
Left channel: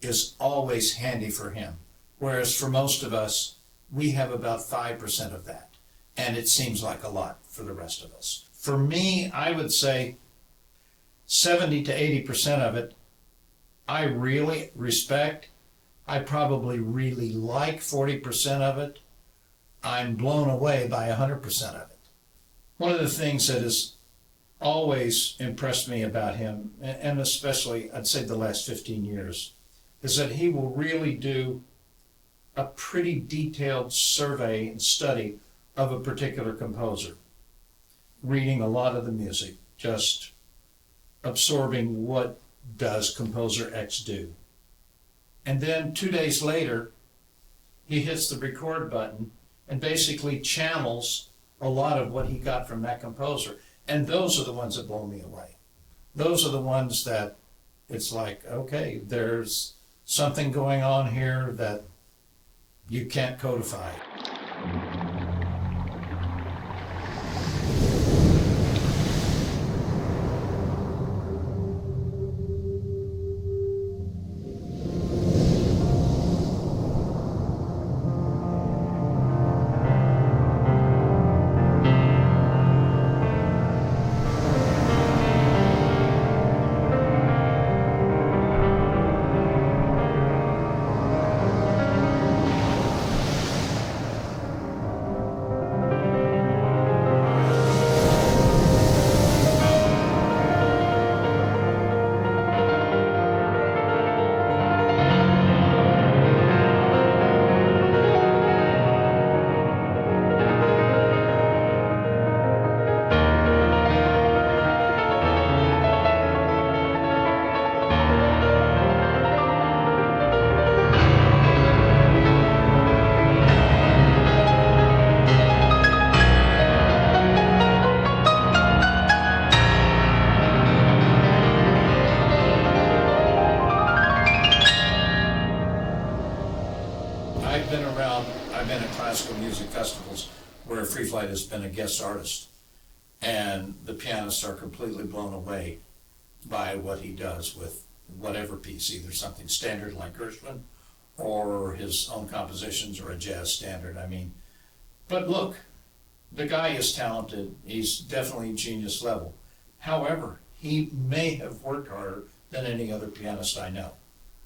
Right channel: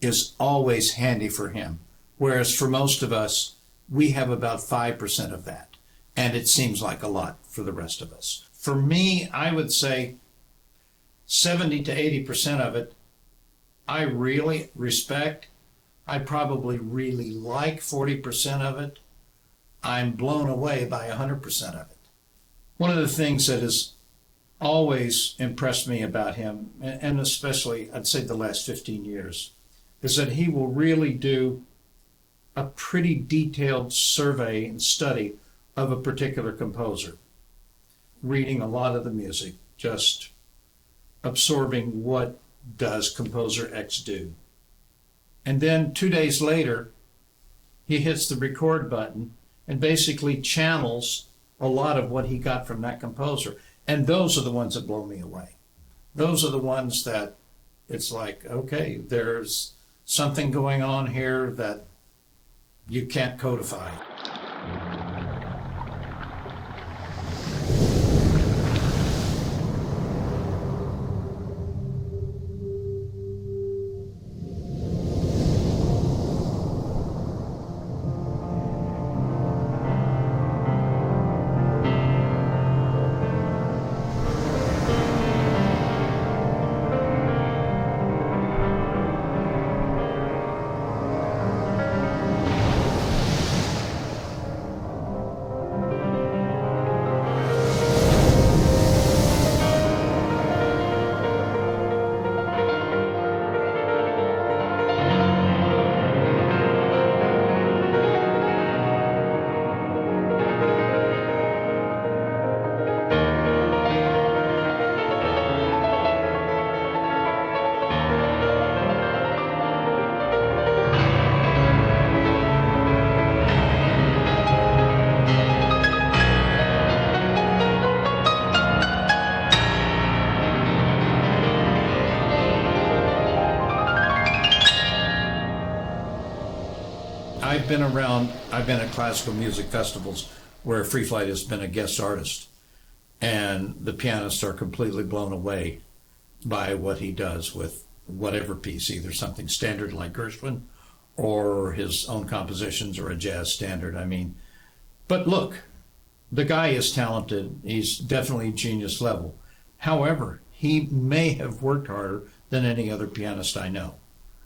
is always handy for him. Whereas for most of us, we have about 5% of that. And it seems like a lot for the rest of us. For me, I would say 70 to 80% of it, I really respect. I probably really like 40% of it. I'm blown away by 100% of it. One of the things that has always impressed me about him, and especially I'd say the last 15 years, is that he will really do a pretty detailed survey and study of a particular composer, reading a lot of the music, just absorbing what does composer X do. And then 2 days later, he hits the record button and basically channels a lot of what he got from that composer. And those are the ones that blow me away. Those are the ones that it's like, okay, there's something going on here that you can't codify. I've been at classical music festivals where Free Flight has been a guest artist, and the pianists are completely blown away by what he does with whatever piece, either something standard like Gershwin or his own compositions or a jazz standard. I mean, but look, the guy is talented. He's definitely genius level. However, he may have worked harder than any other pianist I know.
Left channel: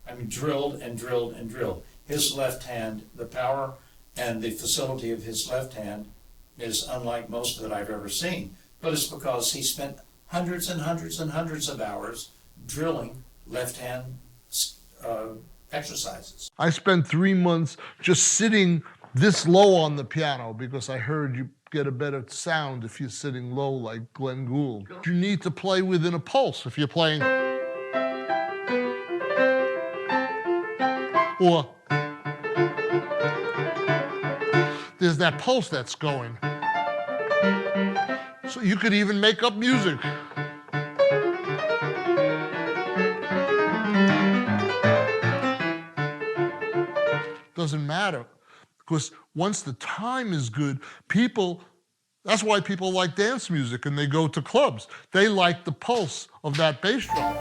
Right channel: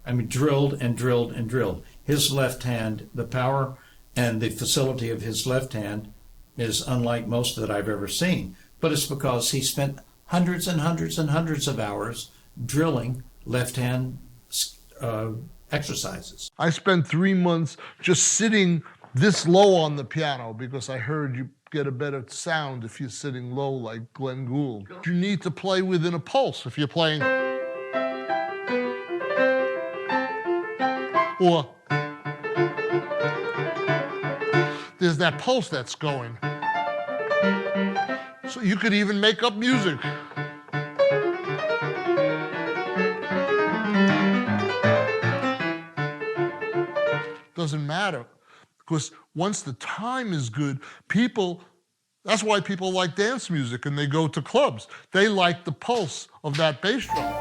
I mean, drilled and drilled and drilled. His left hand, the power and the facility of his left hand is unlike most that I've ever seen. But it's because he spent hundreds and hundreds and hundreds of hours drilling left hand exercises. I spent 3 months just sitting this low on the piano because I heard you get a better sound if you're sitting low like Glenn Gould. You need to play within a pulse if you're playing. Or there's that pulse that's going. So you could even make up music. Doesn't matter, because once the time is good, that's why people like dance music and they go to clubs. They like the pulse of that bass drum.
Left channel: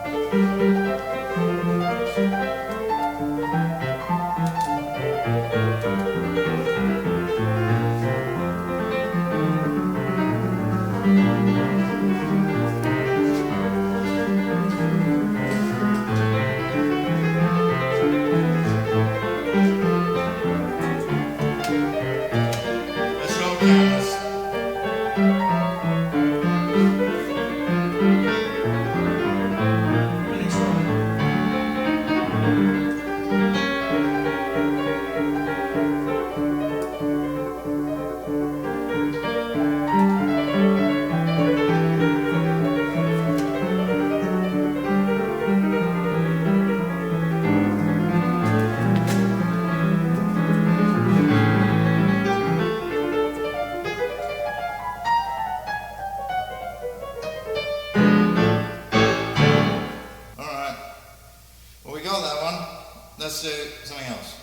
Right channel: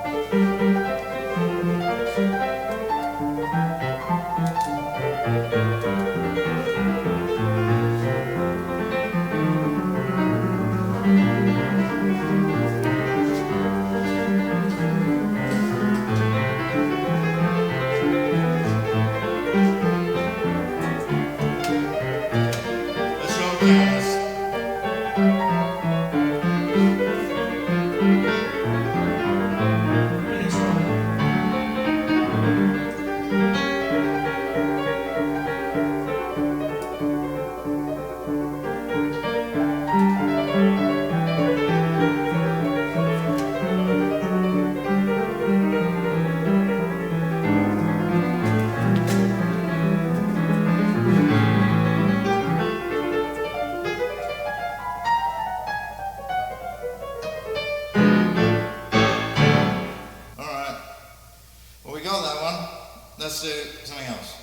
let's do something else.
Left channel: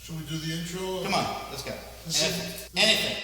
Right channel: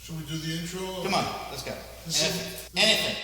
Should we do the intro? Come on, let's go. Anything.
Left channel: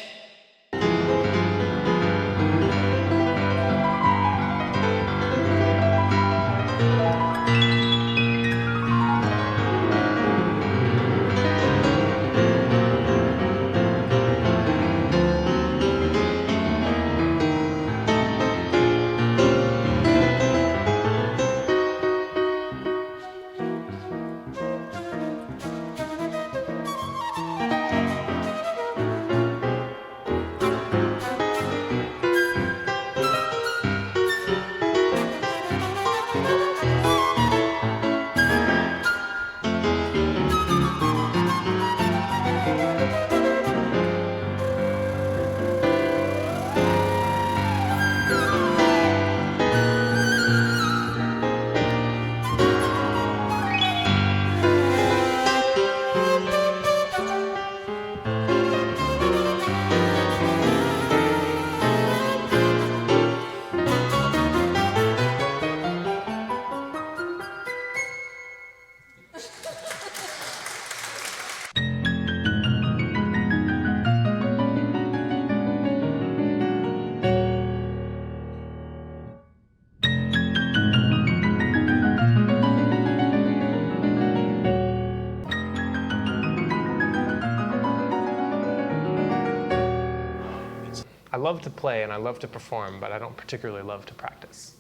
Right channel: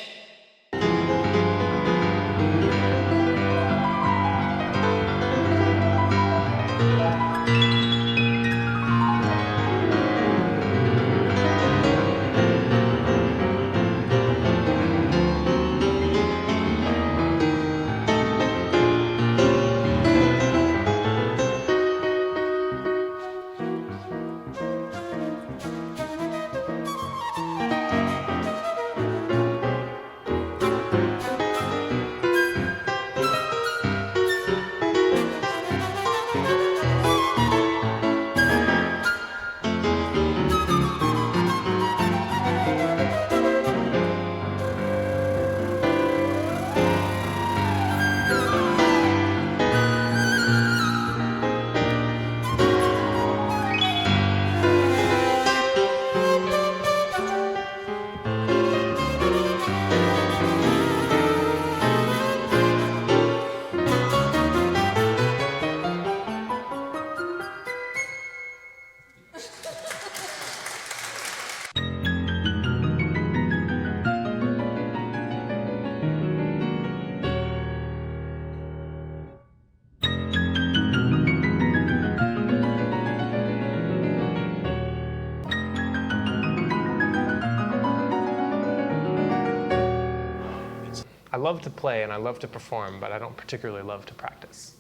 I love to play and I love to perform, but I don't particularly love to practice.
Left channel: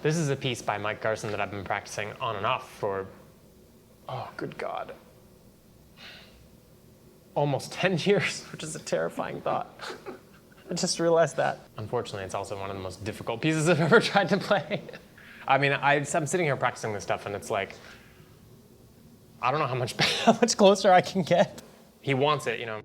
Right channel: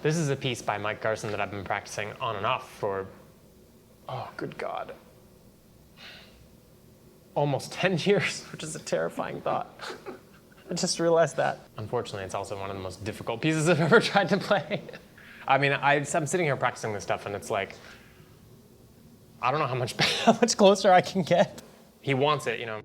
This is a piece by Mike Garson that I've been practicing on and off for, oh, good God, almost 10 years, which is a terrifying thought. I just realized that. Unfortunately, it's also one of the most difficult pieces I've ever tried to play. I mean, I'm sitting here practicing this stuff and it's like, I don't know how much closer I can get. He wants it, you know.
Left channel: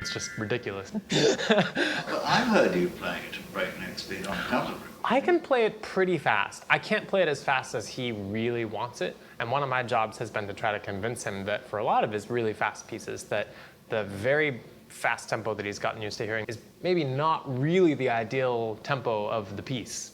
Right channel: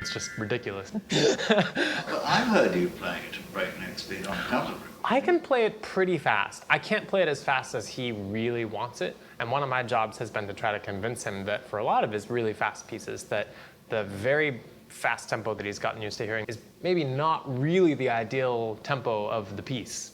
It's just ridiculous. But I've heard you play it at breakneck speed on account of it. I can play it pretty fast. I can't play it as fast as he really wants it. And one of my jobs has been to try to convince him that for a lot of his really fast pieces, that the very fast tempo that he's gotten used to hearing is maybe not really the ideal tempo of the piece.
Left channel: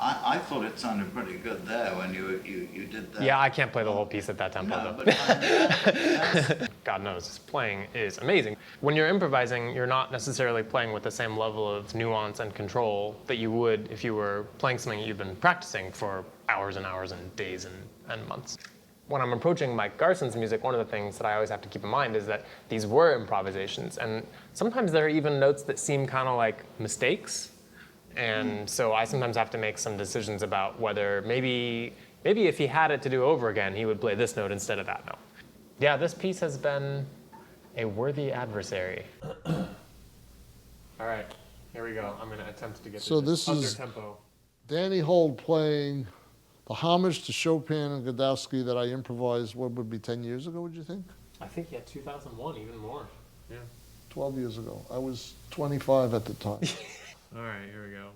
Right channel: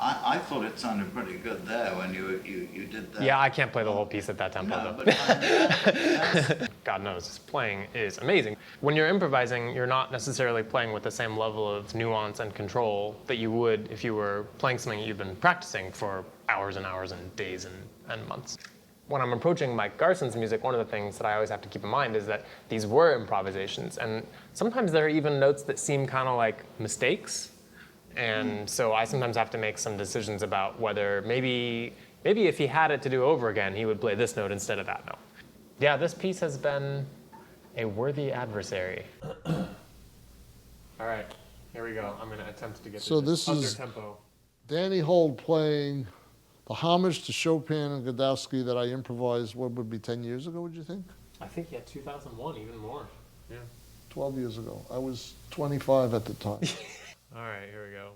I thought it sounded pretty good there when you did that. Yeah, I can't play the whole piece at that tempo, No, though. but God knows, his playing is amazing. When you're improvising, you're not necessarily playing with the same level of nuance and control that you would if you were playing something you've been practicing for hours and hours and days and months. When I'm approaching Mike Garson's music, one of the things that I always have to keep in mind is that these were improvisations, and sometimes there are even notes that seem kind of like mistakes. And so I sometimes have to make some decisions about whether maybe if he had it to do over again, he would play this note instead of that note. Yeah, this piece has been a worthy adversary. All right, here we go. I'm going to attempt to get So this this under is tempo. Danny Holt playing the homage to Chopin and Godowsky that I improvised, what would be 10 years ago, would you think? I think, yeah, 2001, even more. Yeah. 12 years ago. I was 25 at the time. All right, here we go.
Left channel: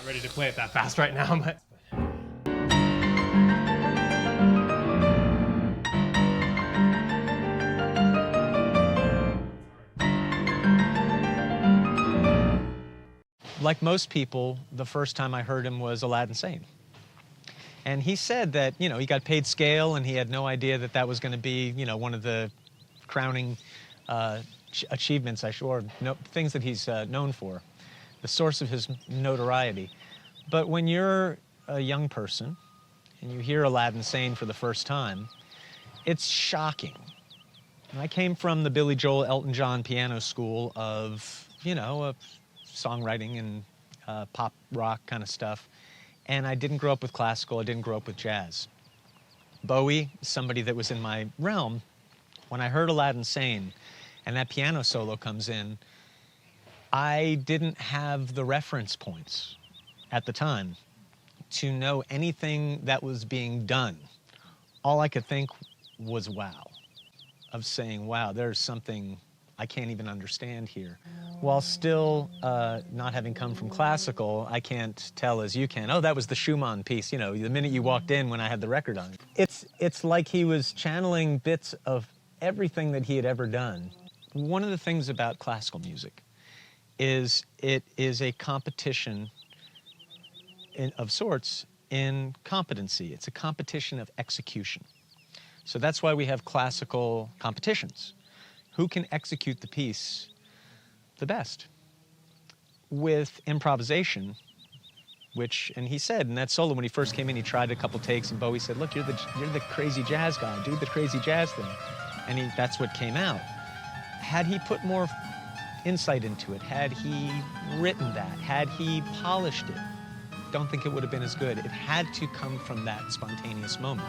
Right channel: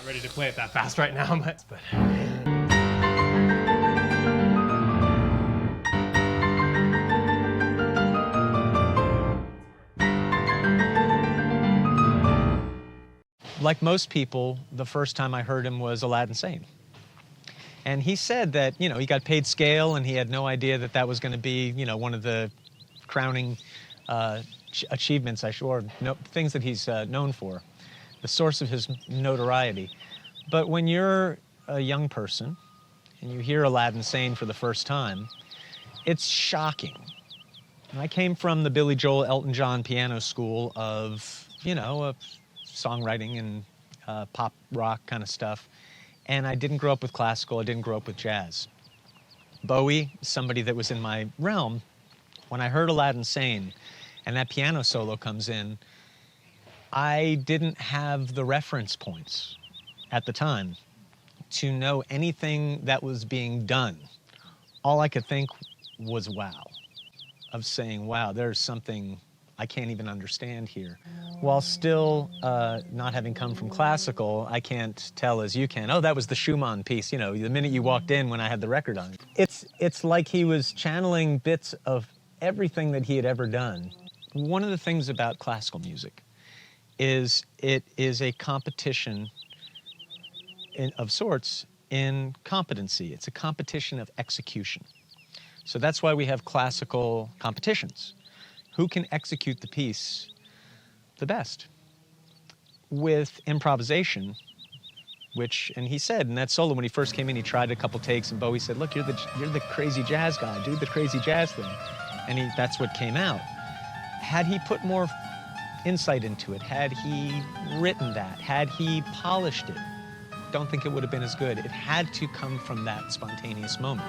not ready to play it that fast right now, but. Like most people, the first time I heard him was Aladdin Sane. And he said that, you know, he got paid scale and he had no idea that that was going to be, you know, one of the crowning achievements, things that he's known for, the source of his notoriety. But when you're a young person and you hear Aladdin Sane for the first time, it's shocking. And I came from the Billy Joel, Elton John piano school of, you know, songwriting and pop rock kind of stuff. And I didn't grow up with classical, I didn't grow up with jazz. Bowie, somebody that was in my realm, when I heard Aladdin Sane and that piano solo comes in, I didn't have the reference points at the time to know anything that was being done. All I could think was wow, of saying, wow, there's something I can't even understand here. While still not having come from classical, I can't tell as you can, oh, that was the Schumann piece, you know, the minute you walked in when I had the record on. It's like he was channeling bits of everything that he had ever done. One of the things about classical music is it is a competition of sorts in competency. It's a competition of execution. So that's why we have classical competitions. Who can execute the piece the best? With improvisation, and he said in that solo when he first came in, he tried a couple takes, and Bowie said, look, you're the crazy jazz guy, do the crazy jazz thing. And that's what came out. Had he put more insight into it, had he written that, had he polished it, don't think it would have been as good. It had to come from that spontaneous moment.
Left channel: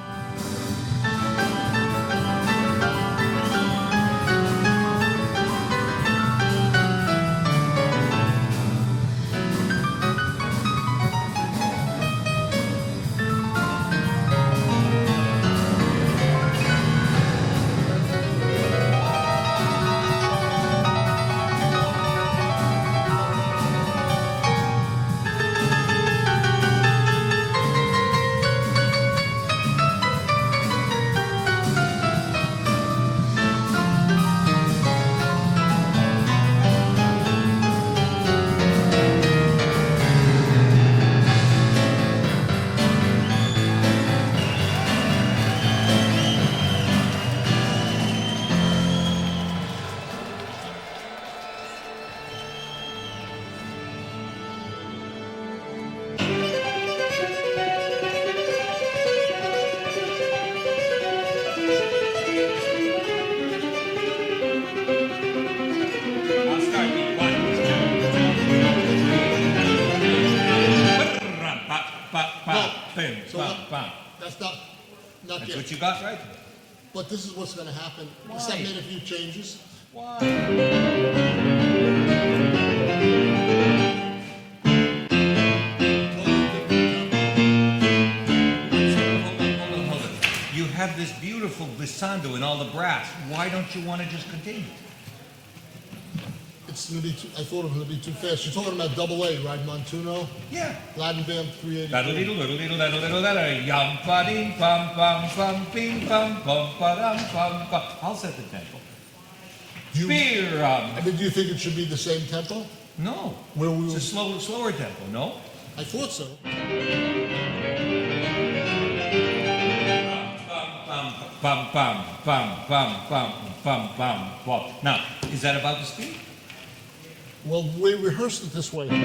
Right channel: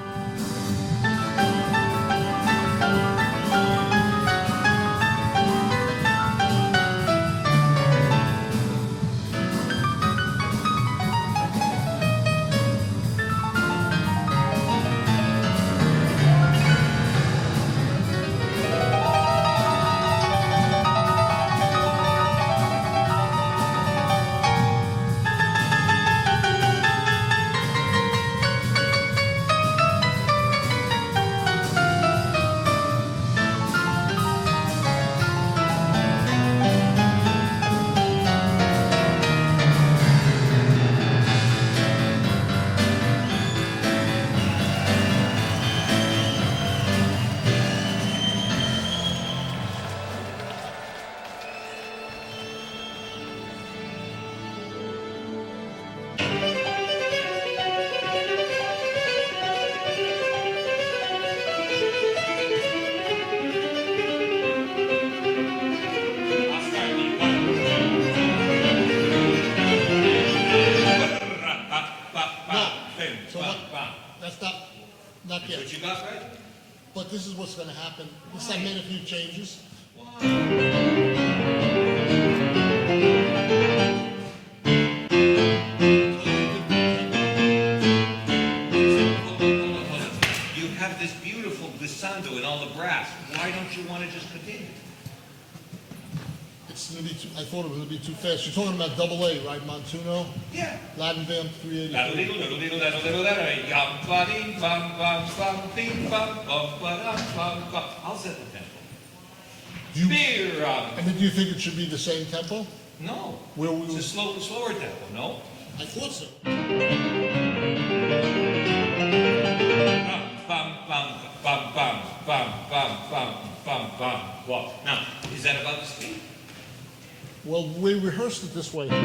Not yet. What you got right? But this is what's going to happen. This I made a few changes. You have this beautiful glissando in all the brass. Why don't you want to just continue? It's going to be I thought it was going to be too fast. You're talking about double A, right, Montuno? Yeah. Latin Band 383. I'll set the tempo. Do you think it should be the same tempo? No. It's a slower tempo, no? I thought so. Now, is that about the speed? Well, we rehearsed it this way. Make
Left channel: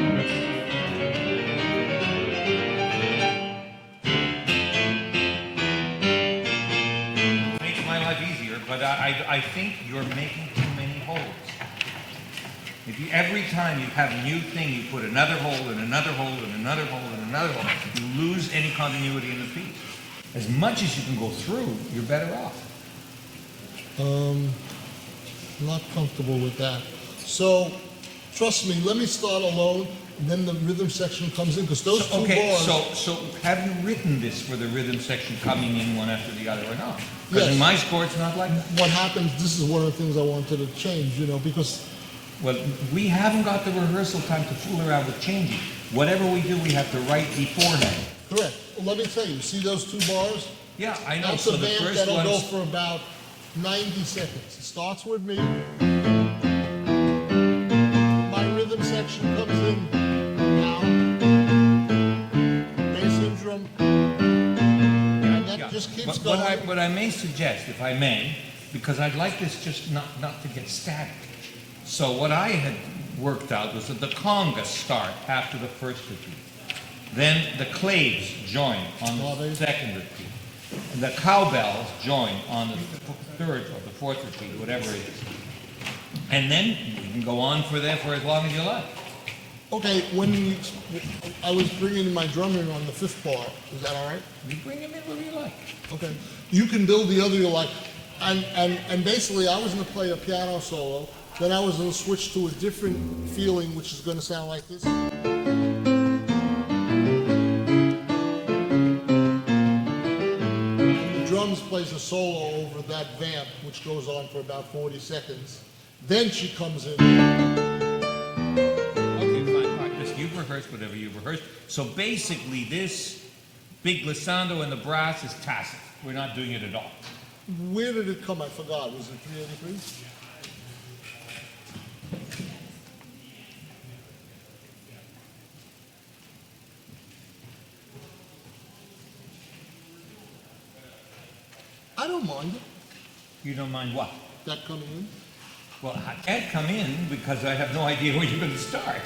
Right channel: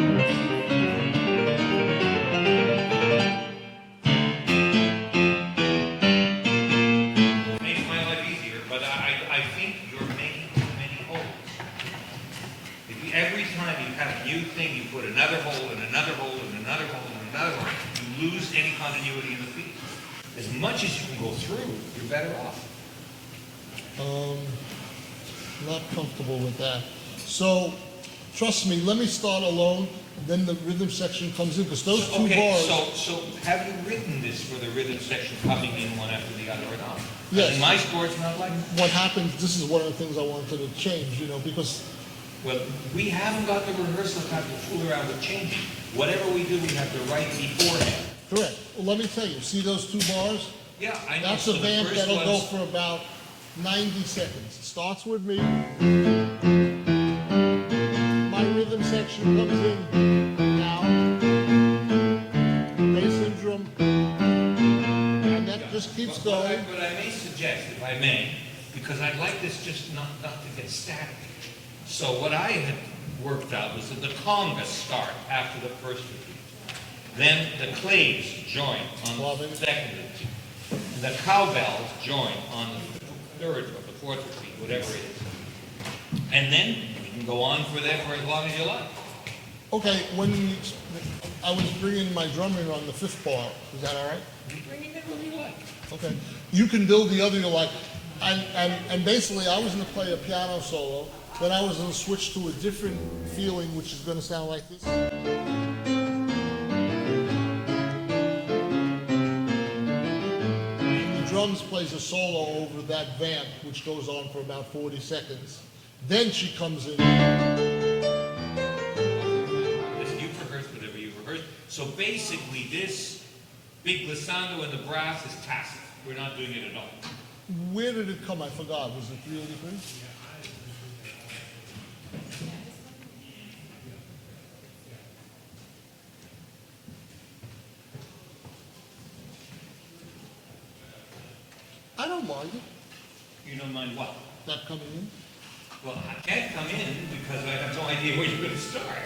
my life easier, but I think you're making too many holes. Every time you have a new thing, you put another hole and another hole and another hole and another hole. You lose any continuity in the piece. As much as you can go through, you're better off. Not comfortable with that. So, trust me, let me start alone, and then the rhythm section comes in, because those two bars... So have you written this for the rhythm section coming in one after the other or not? Yes. In my score, it's not like that. What happens, this is one of the things I wanted to change, because... Well, we haven't got the rehearsal time to fool around with changing. whatever we do, we have to write beforehand. Correct. Well, let me tell you, see those 2 bars? Yeah, I know. That's So a the vamp first that'll one go is- for about 90 seconds. It starts with me. My rhythm section comes in now. Bass and drum. And that just keeps going. What I may suggest, if I may, because I'd like this just not to get static. So what I had worked out was that the congas start after the first repeat. Then the claves join on the second repeat. The cowbells join on the third or the fourth repeat, whatever it is. And then we can go on for that for as long as you like. Okay, I was bringing my drum in on the 5th bar. Is that all right? You bring it whenever you like. Okay. You can build the other you like. And basically, I was going to play a piano solo. Then I was going to switch to a different feeling, which is going to sound like this. And the drums plays a solo over that vamp, which goes on for about 40 seconds. Then she comes in. You've rehearsed whatever you've rehearsed. So basically, this big glissando and the brass is tacit. We're not doing it at all. Where did it come? I forgot. Was it 383? I don't mind it. You don't mind what? That coming in? Well, I can't come in because I have no idea where you're going to start.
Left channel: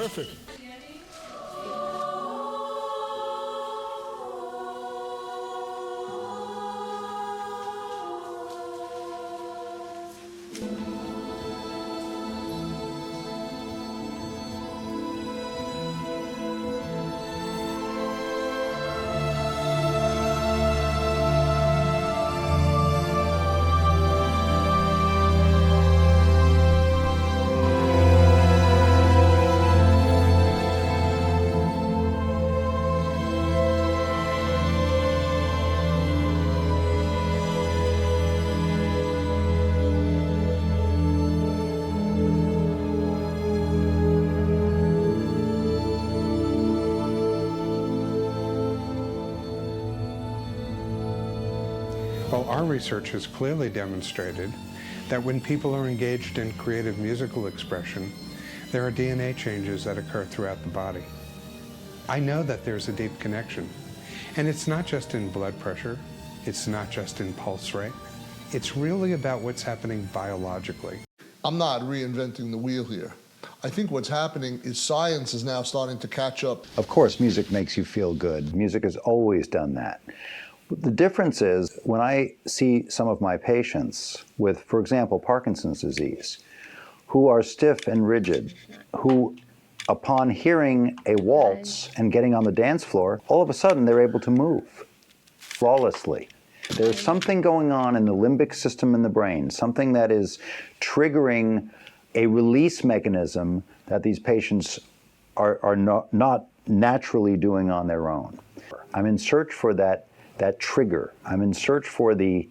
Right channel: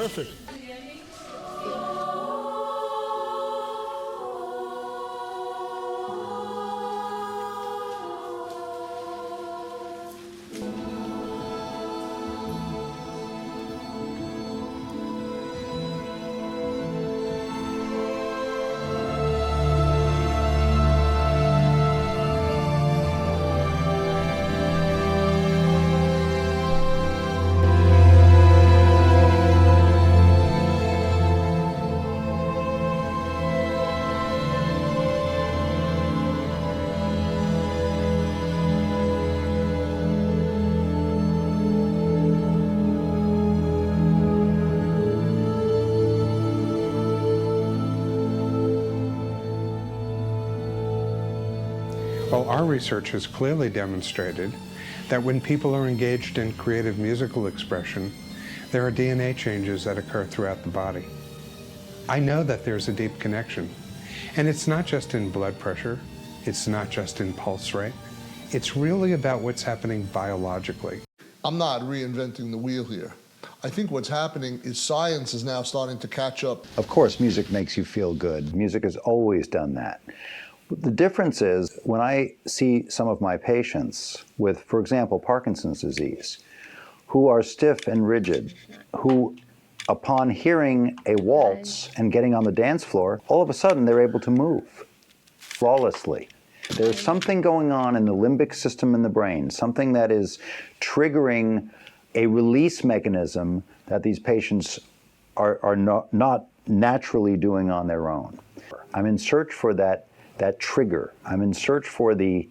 Perfect. Well, our research has clearly demonstrated that when people are engaged in creative musical expression, there are DNA changes that occur throughout the body. I know that there's a deep connection, and it's not just in blood pressure, it's not just in pulse rate, it's really about what's happening biologically. I'm not reinventing the wheel here. I think what's happening is science is now starting to catch up. Of course, music makes you feel good. Music has always done that. The difference is when I see some of my patients with, for example, Parkinson's disease, who are stiff and rigid, who upon hearing a waltz and getting on the dance floor, all of a sudden they're able to move flawlessly. There's something going on in the limbic system in the brain, something that is triggering a release mechanism that these patients are not naturally doing on their own. I'm in search for that trigger. I'm in search for the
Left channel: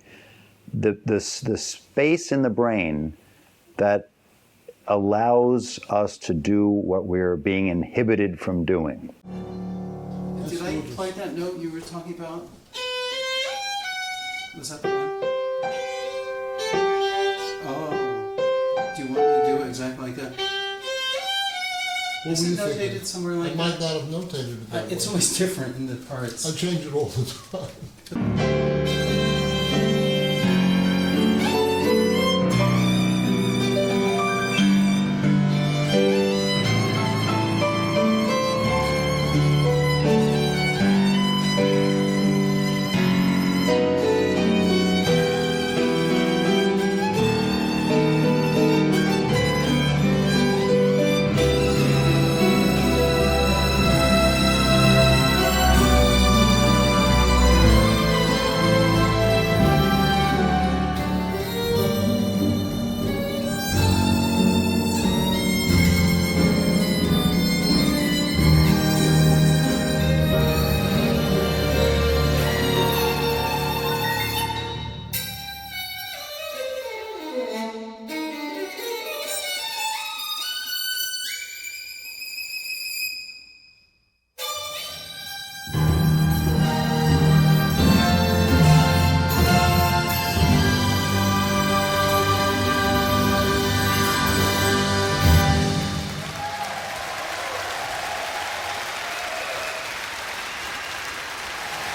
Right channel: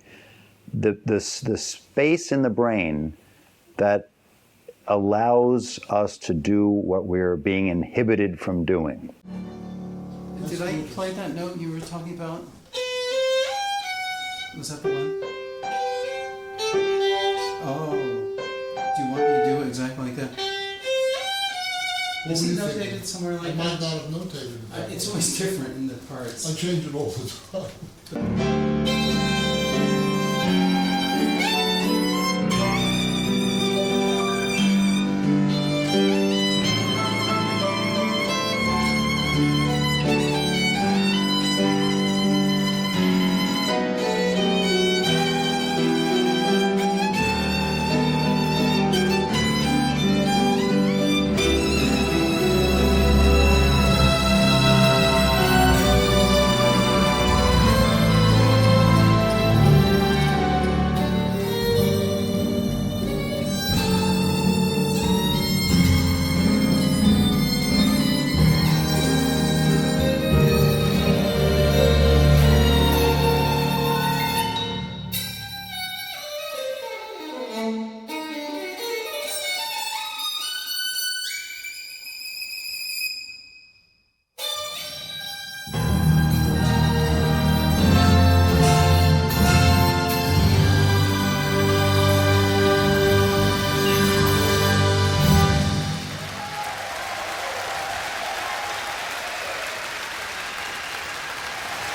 space in the brain that allows us to do what we're being inhibited from doing. Did I play that note you were talking about? Was that the one? Oh, do you want me to do it exactly like that? Is it notated somewhere like that? I might not have notated it that It's way. always different in the parts. I change it all the time.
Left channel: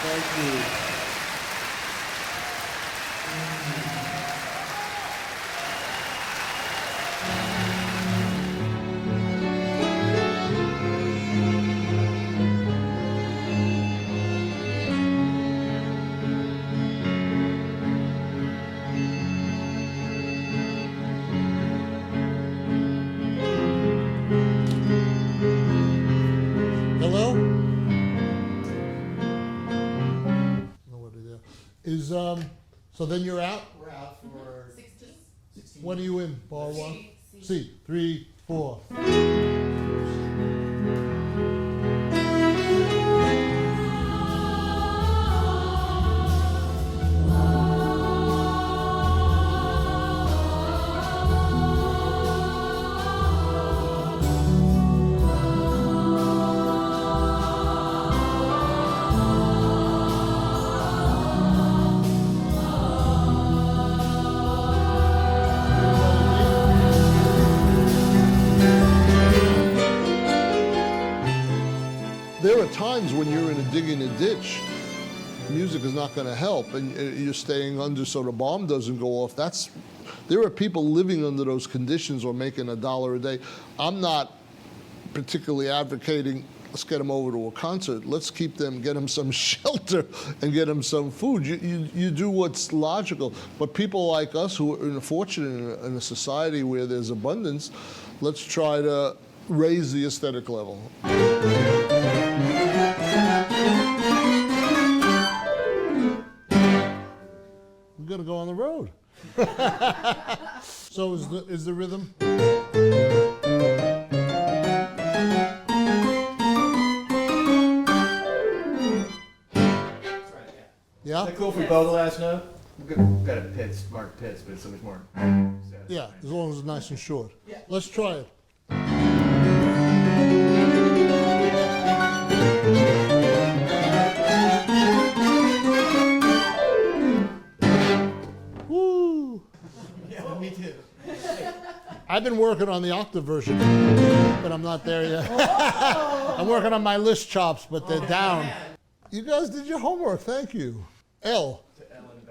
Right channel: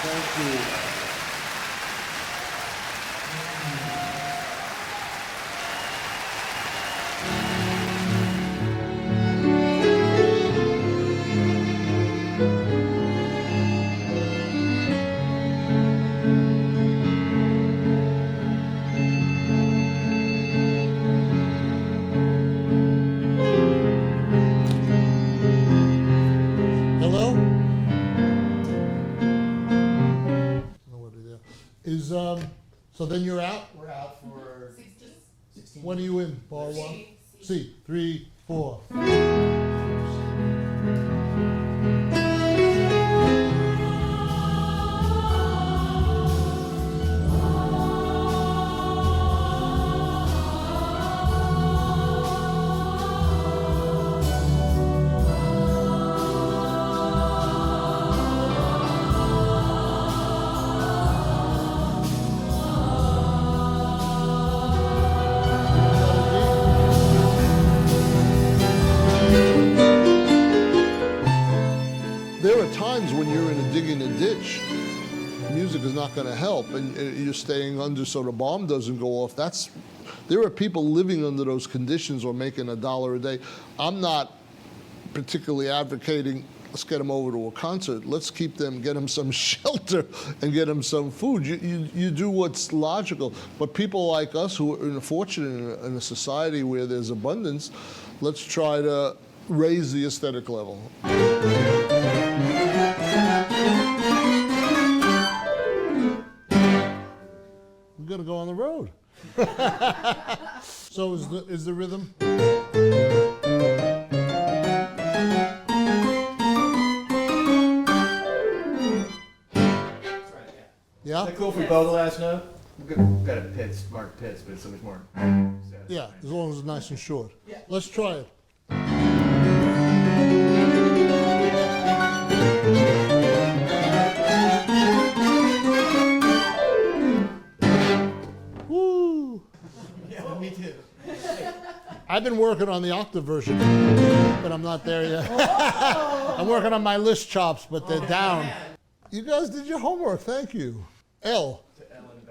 Thank you. Hello? Nobody there. So then you're out? We're out for 16. When are you in? Bar one? C. 3, 4. There are times when you're in a dig in a ditch, music is not going to help, and you're staying under so the bomb doesn't go off. There are people living under those conditions or making $1 a day. I'm not particularly advocating, let's get them over to a concert. Let's keep them, get them some shelter and get them some food. You do what's logical. But people like us who are fortunate in a society where there's abundance, let's try to raise the aesthetic level. We're gonna go on the road. So is the rhythm? Yeah? Is that cool if we bow the last note? We've got a pitch, marked pitch, but it's so much more. Yeah, as long as it's nice and short. Yeah. Let's try it. Woo! Yeah, me too. I've been working on the octave version, but I'm not there yet. I'm working on my list chops, but they're down. You guys did your homework, thank you. L.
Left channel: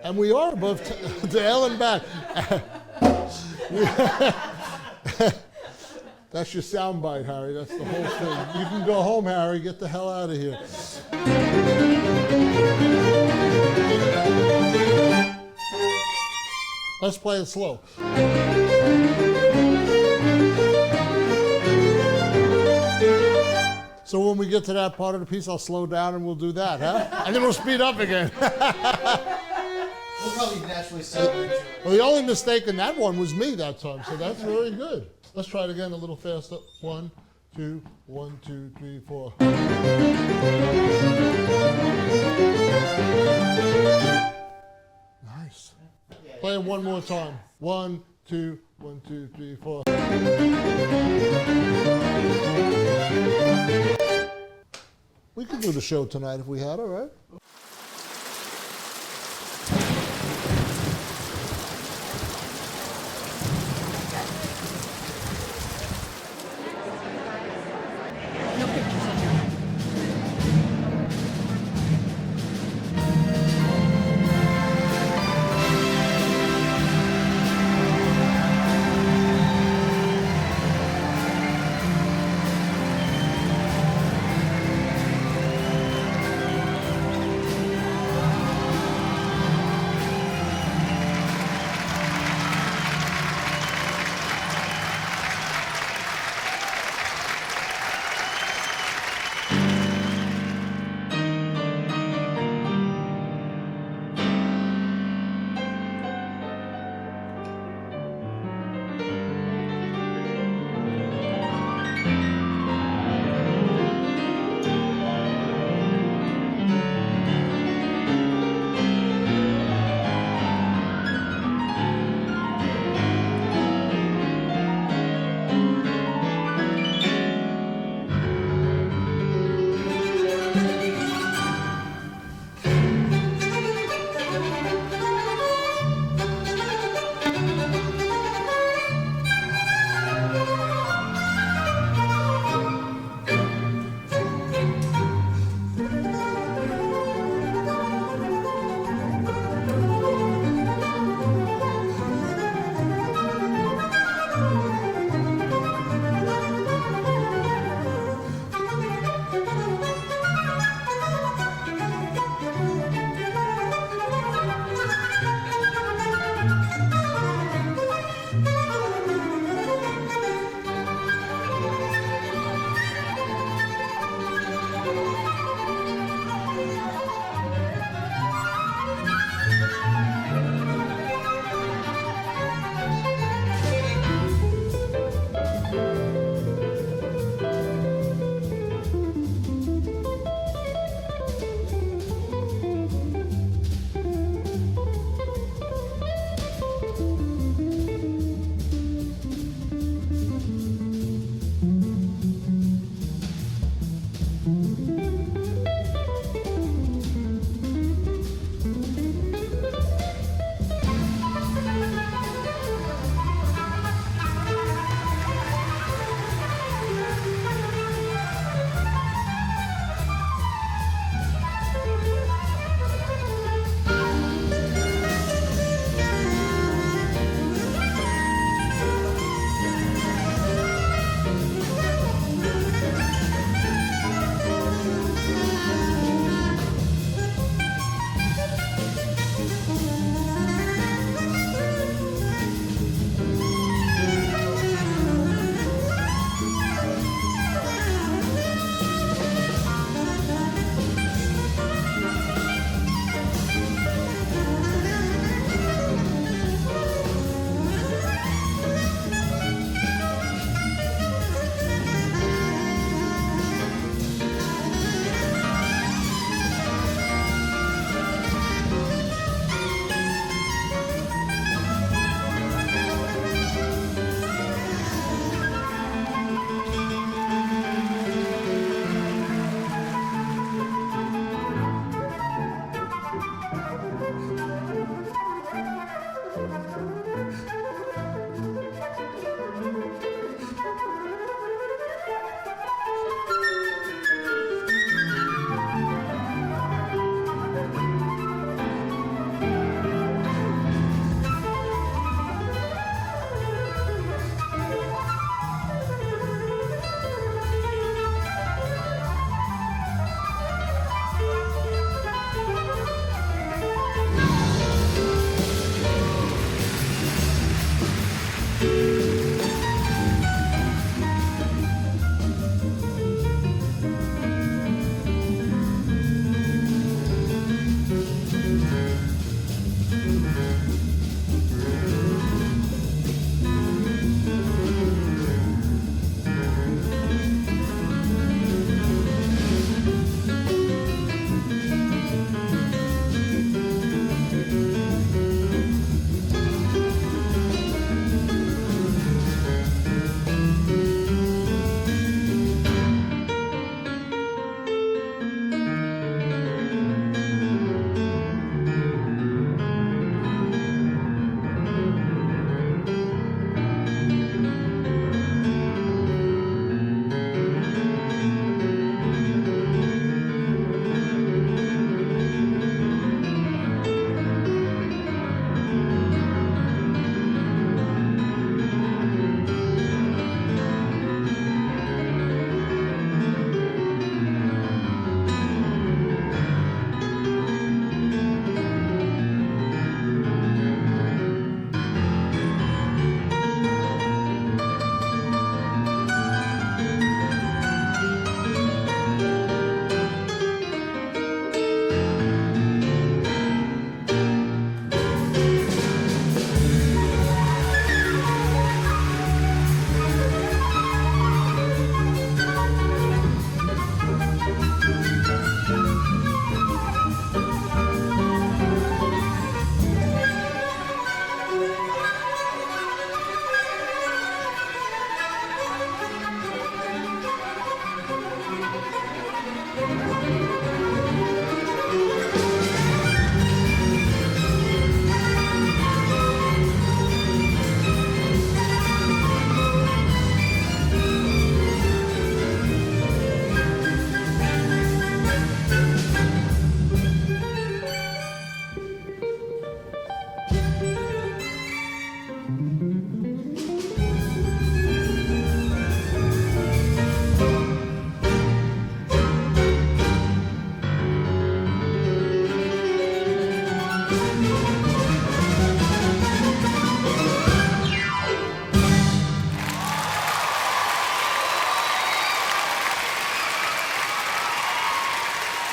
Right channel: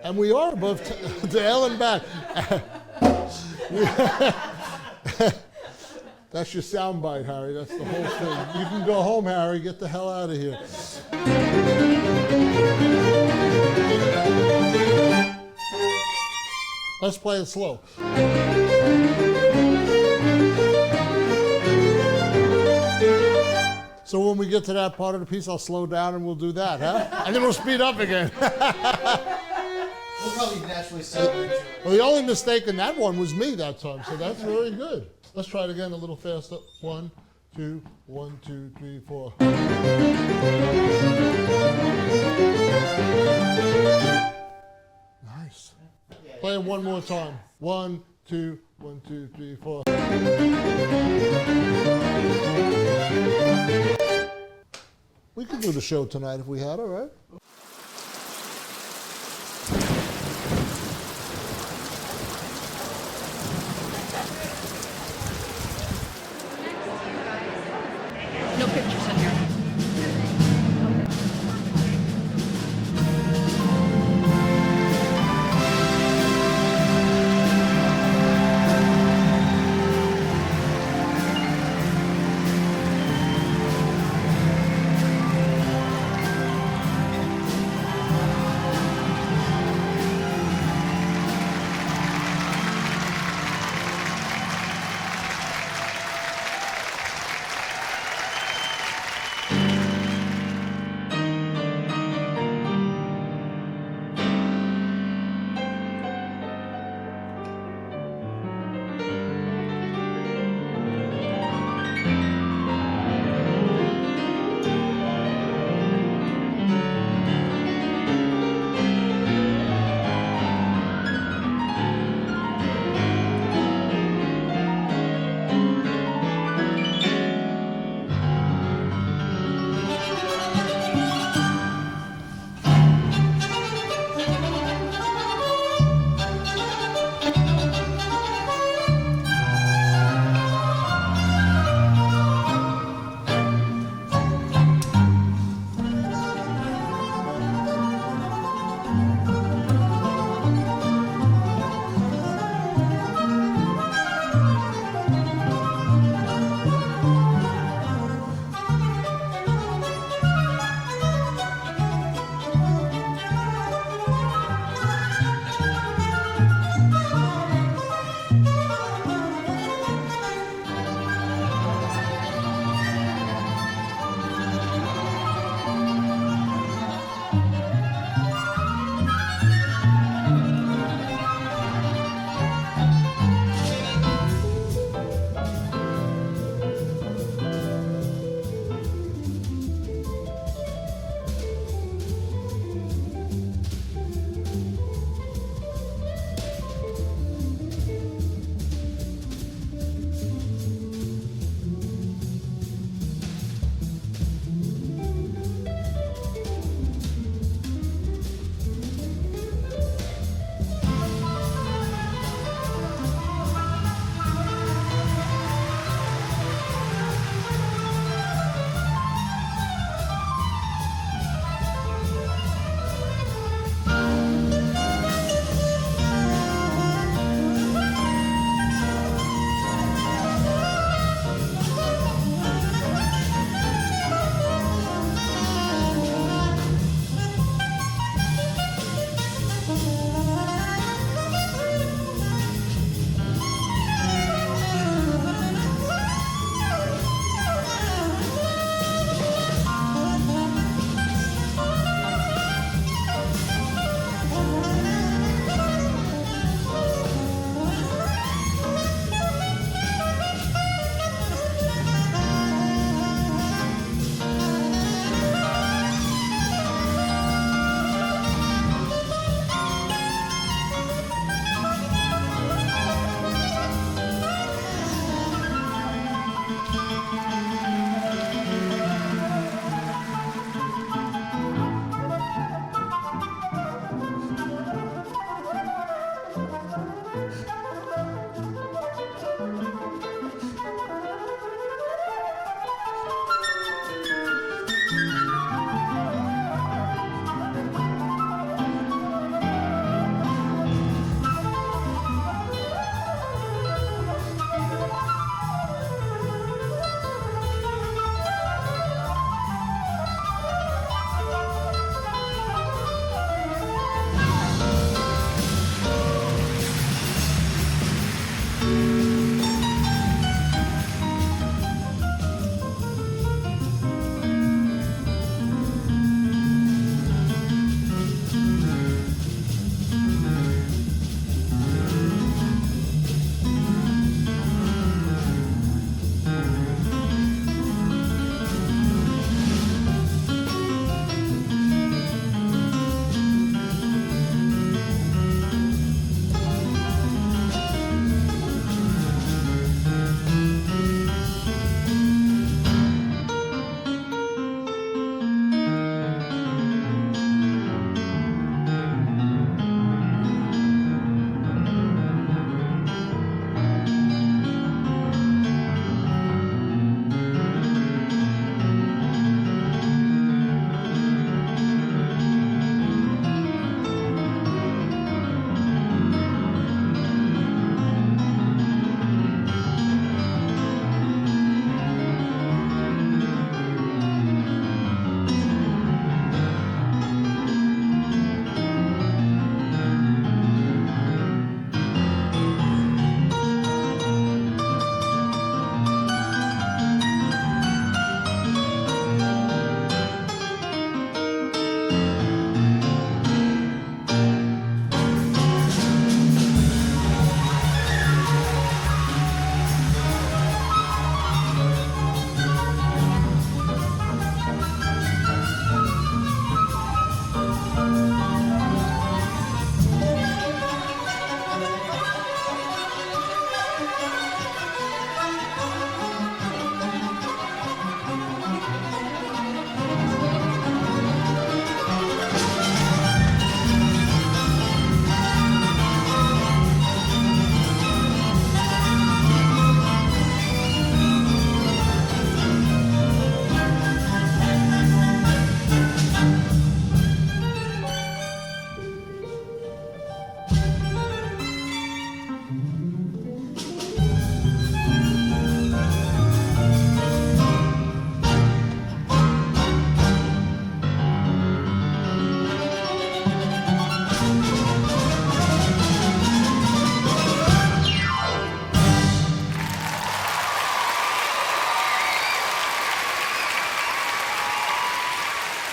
And we are above to L and back. That's your sound bite, Harry. That's the whole thing. You can go home, Harry. Get the hell out of here. Let's play it slow. So when we get to that part of the piece, I'll slow down and we'll do that, huh? And then we'll speed up again. We'll probably naturally settle into it. Well, the only mistake in that one was me that time, so that's very good. Let's try it again a little faster. 1, 2, 1, 2, 3, 4. Nice. Play it one more time. 1, 2, 1, 2, 3, 4. We could do the show tonight if we had, all right? No pictures in here.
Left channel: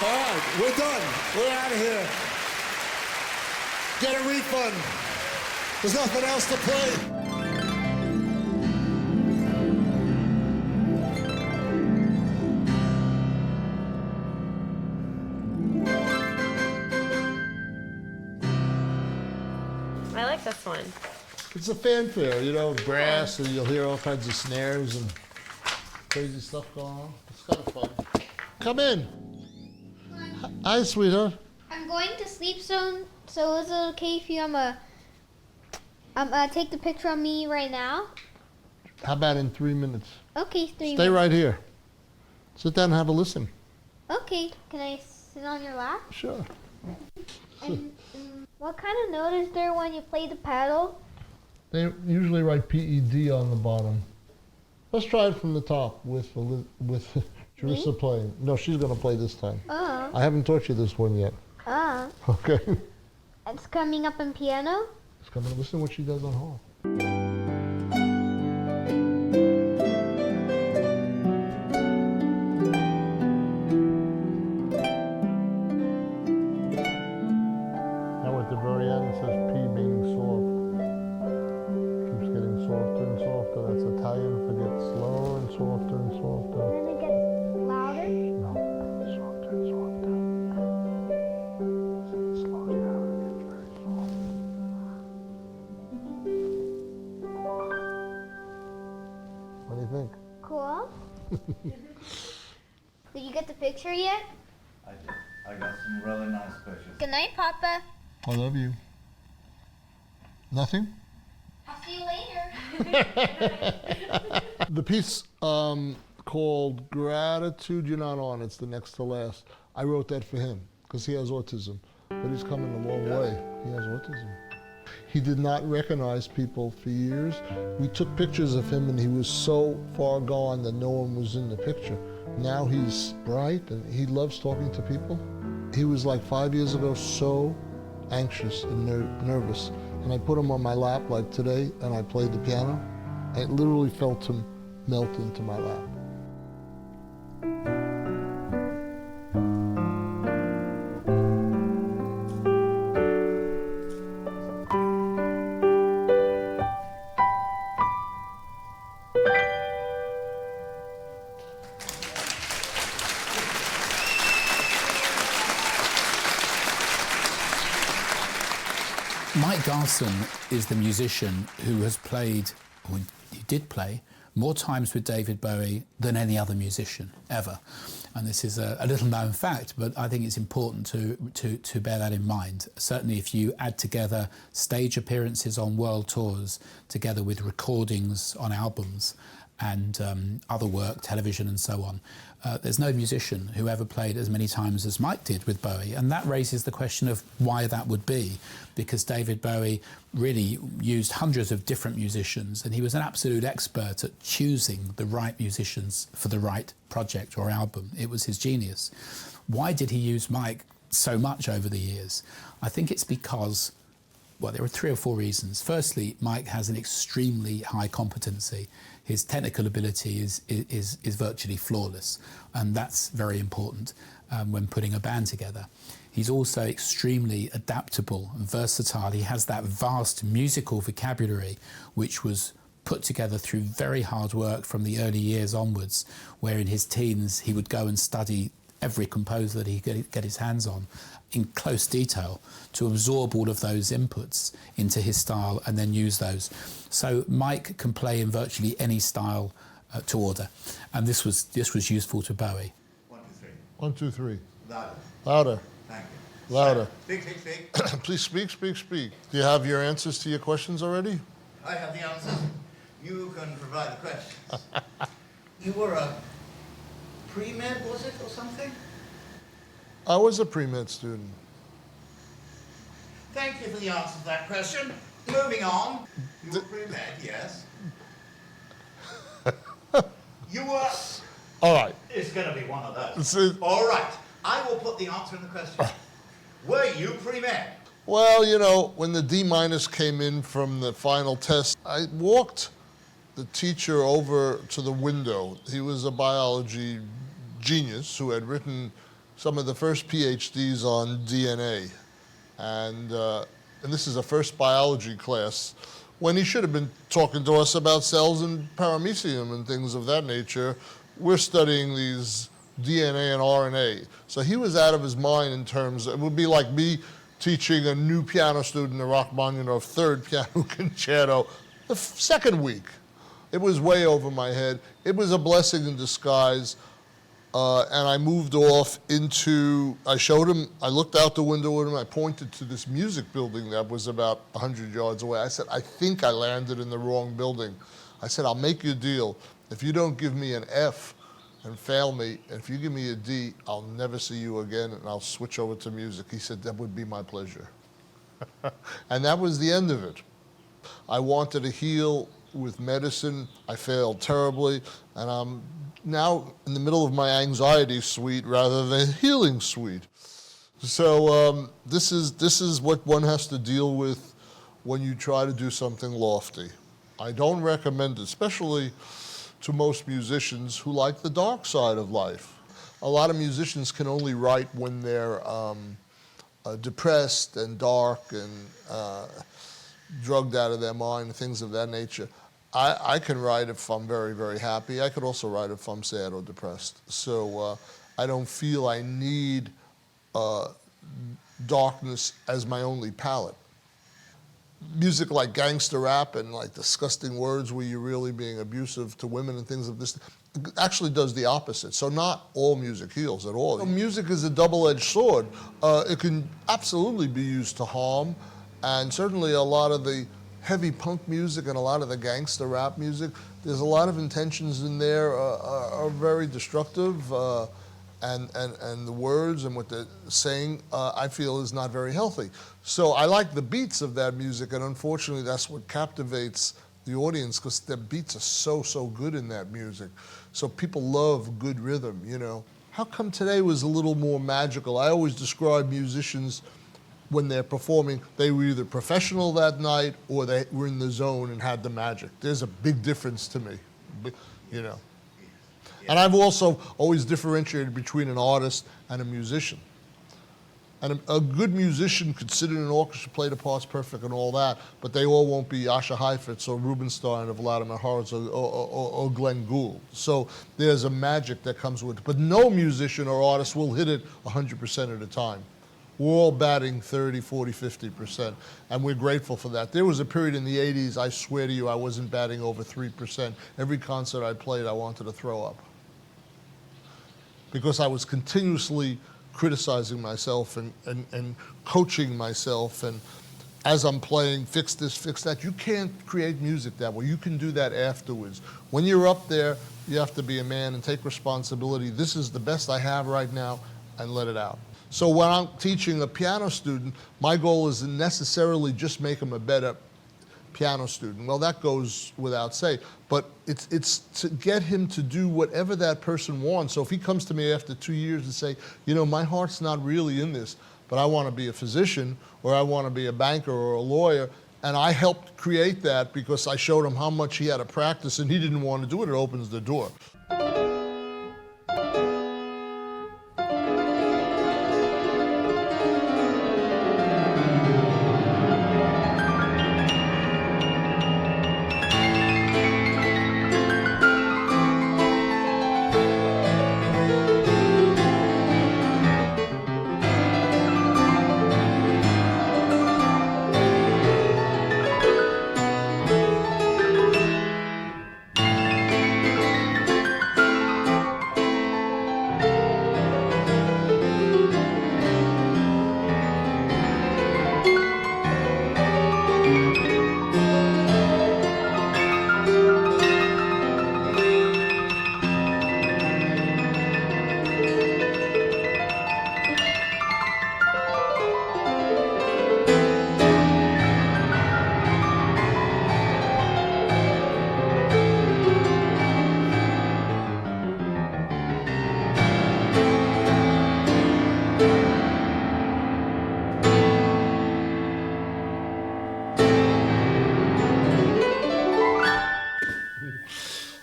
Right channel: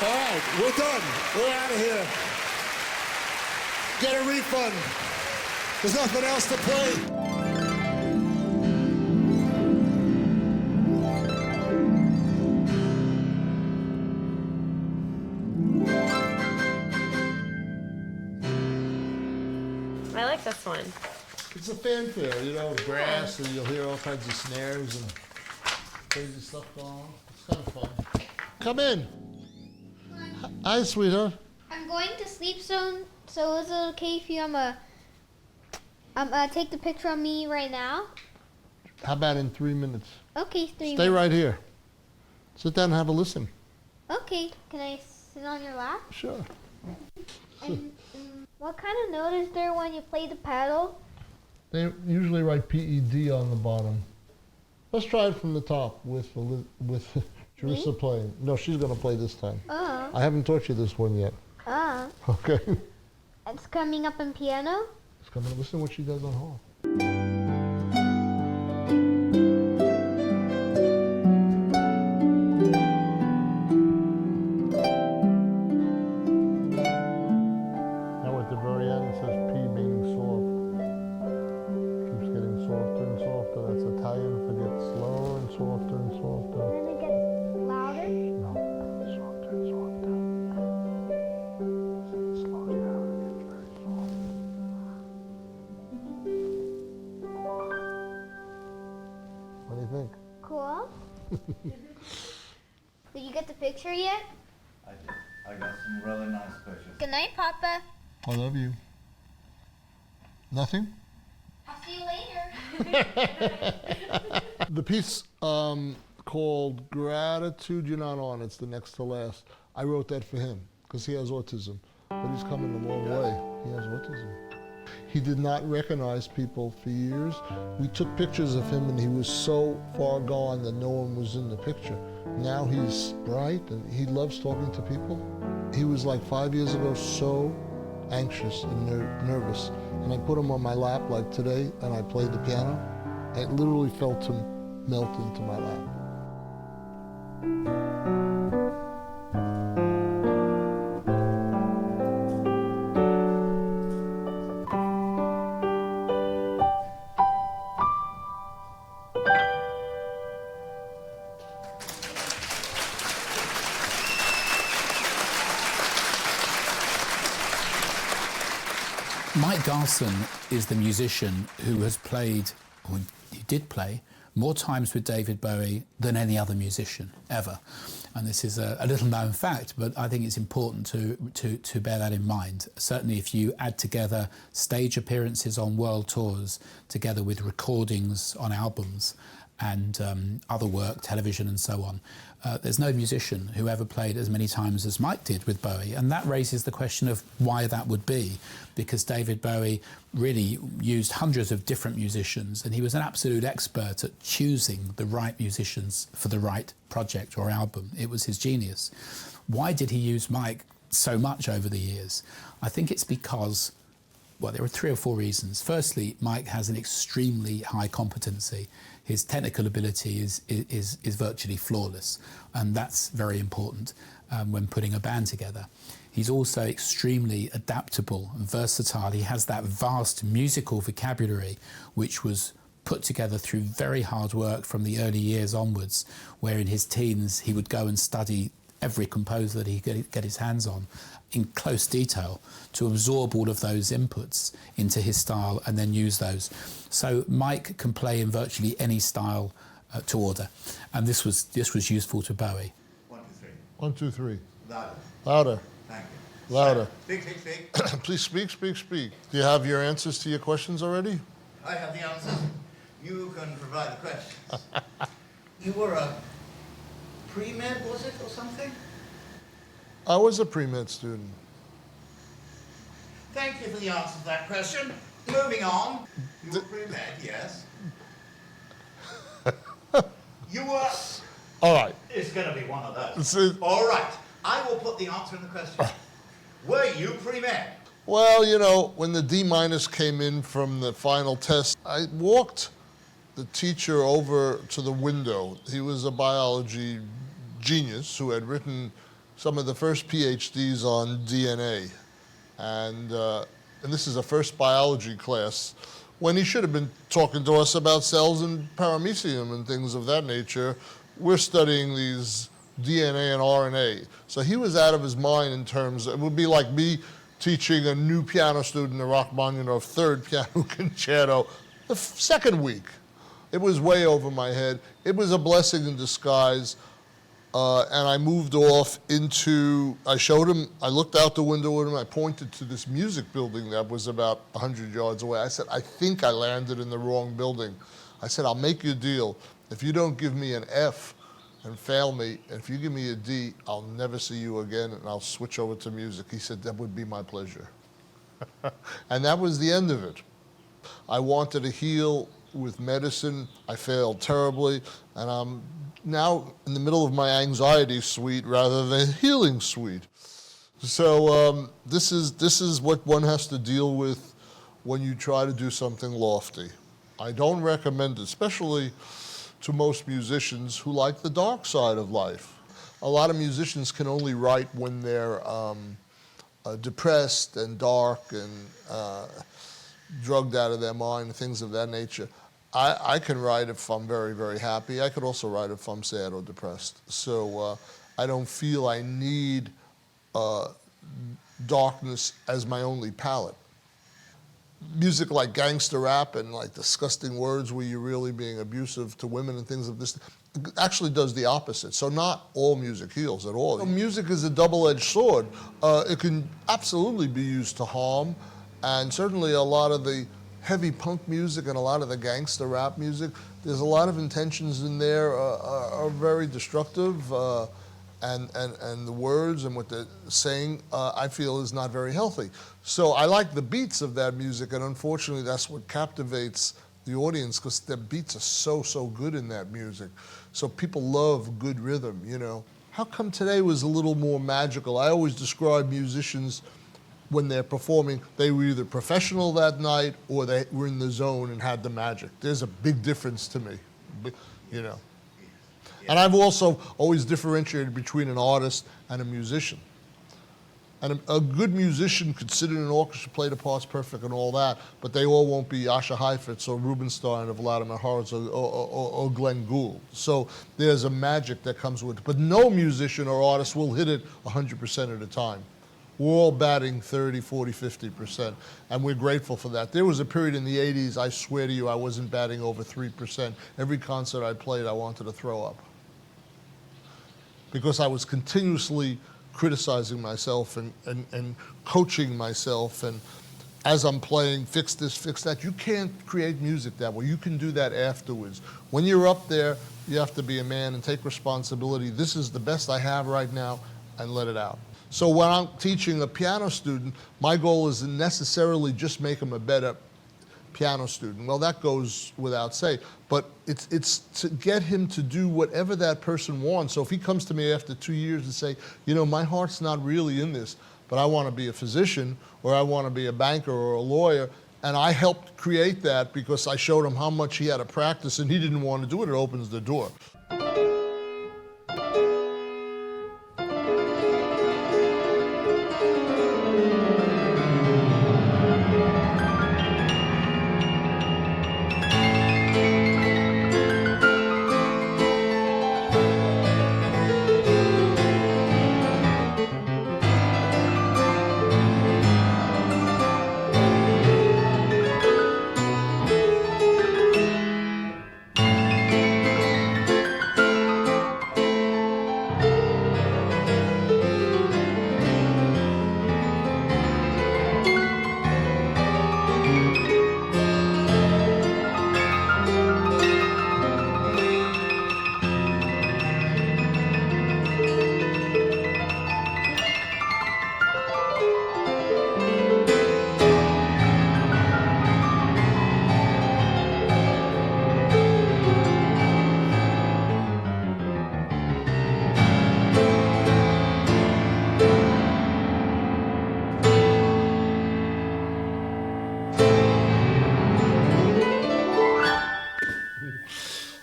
All right, we're done. We're out of here. Get a refund. There's nothing else to play. I like this one. It's a fanfare, you know, brass, and you'll hear all kinds of snares and crazy stuff going on. It's kind of fun. Come in. Hi, sweetheart. I'm going to sleep soon, so is it okay if you take the picture of me right now? How about in 3 minutes? Okay, 3 minutes. Stay right here. Sit down and have a listen. Okay, can I sit on your lap? Sure. And what kind of note is there when you play the paddle? They usually write PED on the bottom. Let's try it from the top with Jerissa playing. No, she's going to play this time. Oh. I haven't taught you this one yet. Oh. Okay. It's coming up in piano? It's coming. Listen to what she does on harp. Now at the very end it says P being soft. Keeps getting softer and softer. That's Italian for get slower and softer and softer. And then it gets louder? No, softer and softer. It slows down and gets very soft. What do you think? Cool. Did you get the picture yet? I did. I got some really nice pictures. Good night, Papa. I love you. Nothing? I'll see you later. The piece called Gratitude You're Not On, it's the next to last. I wrote that for him because he has autism, but he's coming a long way. He has autism. He did not recognize people for years. We took pictures of him and he was so far gone that no one was in the picture. Now he's bright and he loves talking to people. He was like 5 years ago so anxious and nervous. And I put him on my lap like today and I played the piano. I literally felt him melt into my lap. Mike Garson is the musician who has played, or he did play, more times with David Bowie than any other musician ever. And this is a little known fact, but I think it's important to bear that in mind. Certainly if you add together stage appearances on world tours, together with recordings on albums, and other work, television and so on. There's no musician who ever played as many times as Mike did with Bowie, and that raises the question of why that would be, because David Bowie really used hundreds of different musicians, and he was an absolute expert at choosing the right musicians for the right project or album. It was his genius. Why did he use Mike so much over the years? I think it's because, well, there are 3 or 4 reasons. Firstly, Mike has an extremely high competency. His technical ability is virtually flawless, and that's very important when putting a band together. He's also extremely adaptable and versatile. He has that vast musical vocabulary, which was put together through very hard work from the early years onwards, where in his teens he would go and study every composer that he could get his hands on in close detail to absorb all of those inputs into his style and then use those. So Mike can play in virtually any style to order, and this was useful to Bowie. 1, 2, 3. 1, 2, 3. Louder. Louder. Thank you. Louder. Speak, speak, speak. Please speak, speak, speak. Do you have your answers to your questions already? I have the answers. You can provide the questions. You were a pre-med, was it, or something? I was a pre-med student. Thank you for the answer to that question. Moving on. You were pre-med, yes. You were... All right. It's going to be one of those. It's All right. I will put the answer in the question. Were you pre-med? Well, you know, when the D- came in from the final test, I walked the teacher over to the window. He was a biology genius who had written some of the first PhDs on DNA. And this is a first biology class, when he should have been talking to us about cells and paramecium and things of that nature. We're studying these DNA and RNA. So he was out of his mind in terms, it would be like me teaching a new piano student the Rachmaninoff third piano concerto the second week. It was way over my head. It was a blessing in disguise. And I moved off into, I showed him, I looked out the window with him, I pointed to this music building that was about 100 yards away. I said, I think I landed in the wrong building. I said, I'll make you a deal. If you don't give me an F and fail me, and if you give me a D, I'll never see you again, and I'll switch over to music. He said, that would be my pleasure. And that was the end of it. I wanted to heal with medicine. I failed terribly, and I'm now in the middle of my anxiety suite rather than healing suite. So this is what one has to deal with when you try to do something lofty. I don't recommend it, especially to most musicians who like the dark side of life. A lot of musicians can only write when they're depressed and dark and drugged out of their mind and things of that nature. I can write if I'm very, very happy. I could also write if I'm sad or depressed. So I don't feel I need darkness as my only palette. Music like gangster rap and like disgusting words where you're really being abusive to women and things of this actually does the opposite. So not all music heals at all. Music is a double-edged sword. It can absolutely be used to harm, and certainly a lot of the heavy punk music and a lot of the gangster rap music, there's a lot of intentions in there are very destructive, and the words and what they're saying, I feel, is not very healthy. So I like the beats of that music, and unfortunately that's what captivates the audience, because the beats are so good in that music. So people love good rhythm, you know. How come today was a little more magical? I always describe musicians when they're performing, they were either professional that night or they were in the zone and had the magic. There's a big difference to me, you know. And I've also always differentiated between an artist and a musician. And a good musician could sit in an orchestra, play the parts perfect and all that, but they all won't be Asher Heifetz or Rubinstein or Vladimir Horowitz or Glenn Gould. So there's a magic that comes with it. But no musician or artist will hit it 100% of the time. We're all batting 30, 40, 50%, and we're grateful for that. There was a period in the 80s, I swear to you, I wasn't batting over 3%. Every concert I played, I wanted to throw up, because I was continuously criticizing myself and coaching myself, and as I'm playing, fix this, fix that. You can't create music that way. You can do that afterwards. When you're up there, you have to be a man and take responsibility. This is the best I have right now, and let it out. So when I'm teaching a piano student, my goal isn't necessarily just make them a better piano student. Well, that goes without saying, but it's to get him to do whatever that person wants. So if he comes to me after 2 years and say, you know, my heart's not really in this, but I want to be a physician, or I want to be a banker or a lawyer, and I helped create that because I showed him how much he had to practice and he didn't want to do it, it opens the door.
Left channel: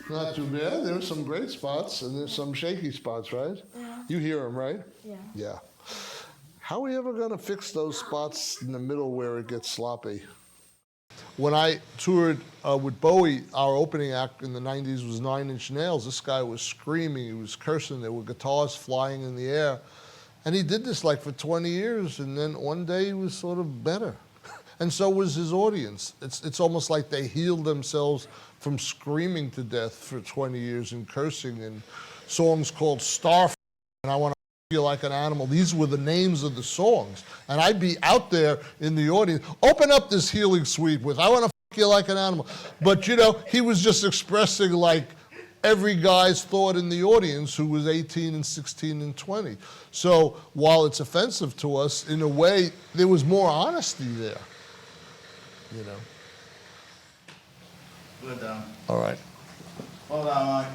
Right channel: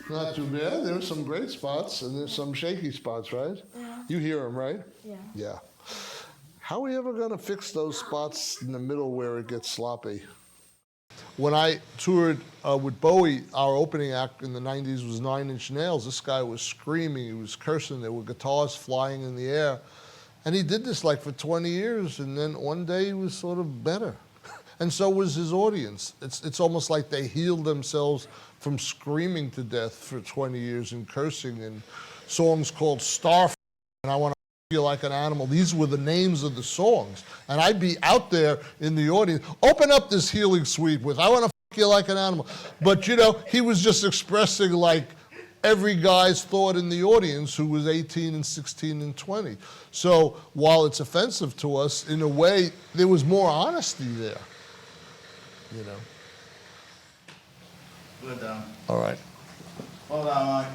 Not too bad. There are some great spots and there's some shaky spots, right? Yeah. You hear him, right? Yeah. Yeah. How are we ever going to fix those spots in the middle where it gets sloppy? When I toured with Bowie, our opening act in the 90s was 9 Inch Nails. This guy was screaming, he was cursing, there were guitars flying in the air. And he did this like for 20 years, and then one day he was sort of better. And so was his audience. It's almost like they healed themselves from screaming to death for 20 years and cursing, and songs called Star and I Want to Feel Like an Animal. These were the names of the songs. And I'd be out there in the audience, open up this healing suite with I Want to Feel Like an Animal. But you know, he was just expressing like every guy's thought in the audience who was 18 and 16 and 20. So while it's offensive to us, in a way, there was more honesty there, you know. Good done. All right. Hold on, Mike.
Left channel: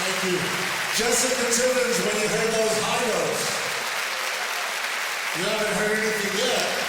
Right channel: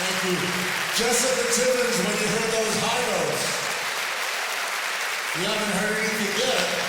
Thank you. Jessica Timmons, when you heard those high notes, you haven't heard anything yet.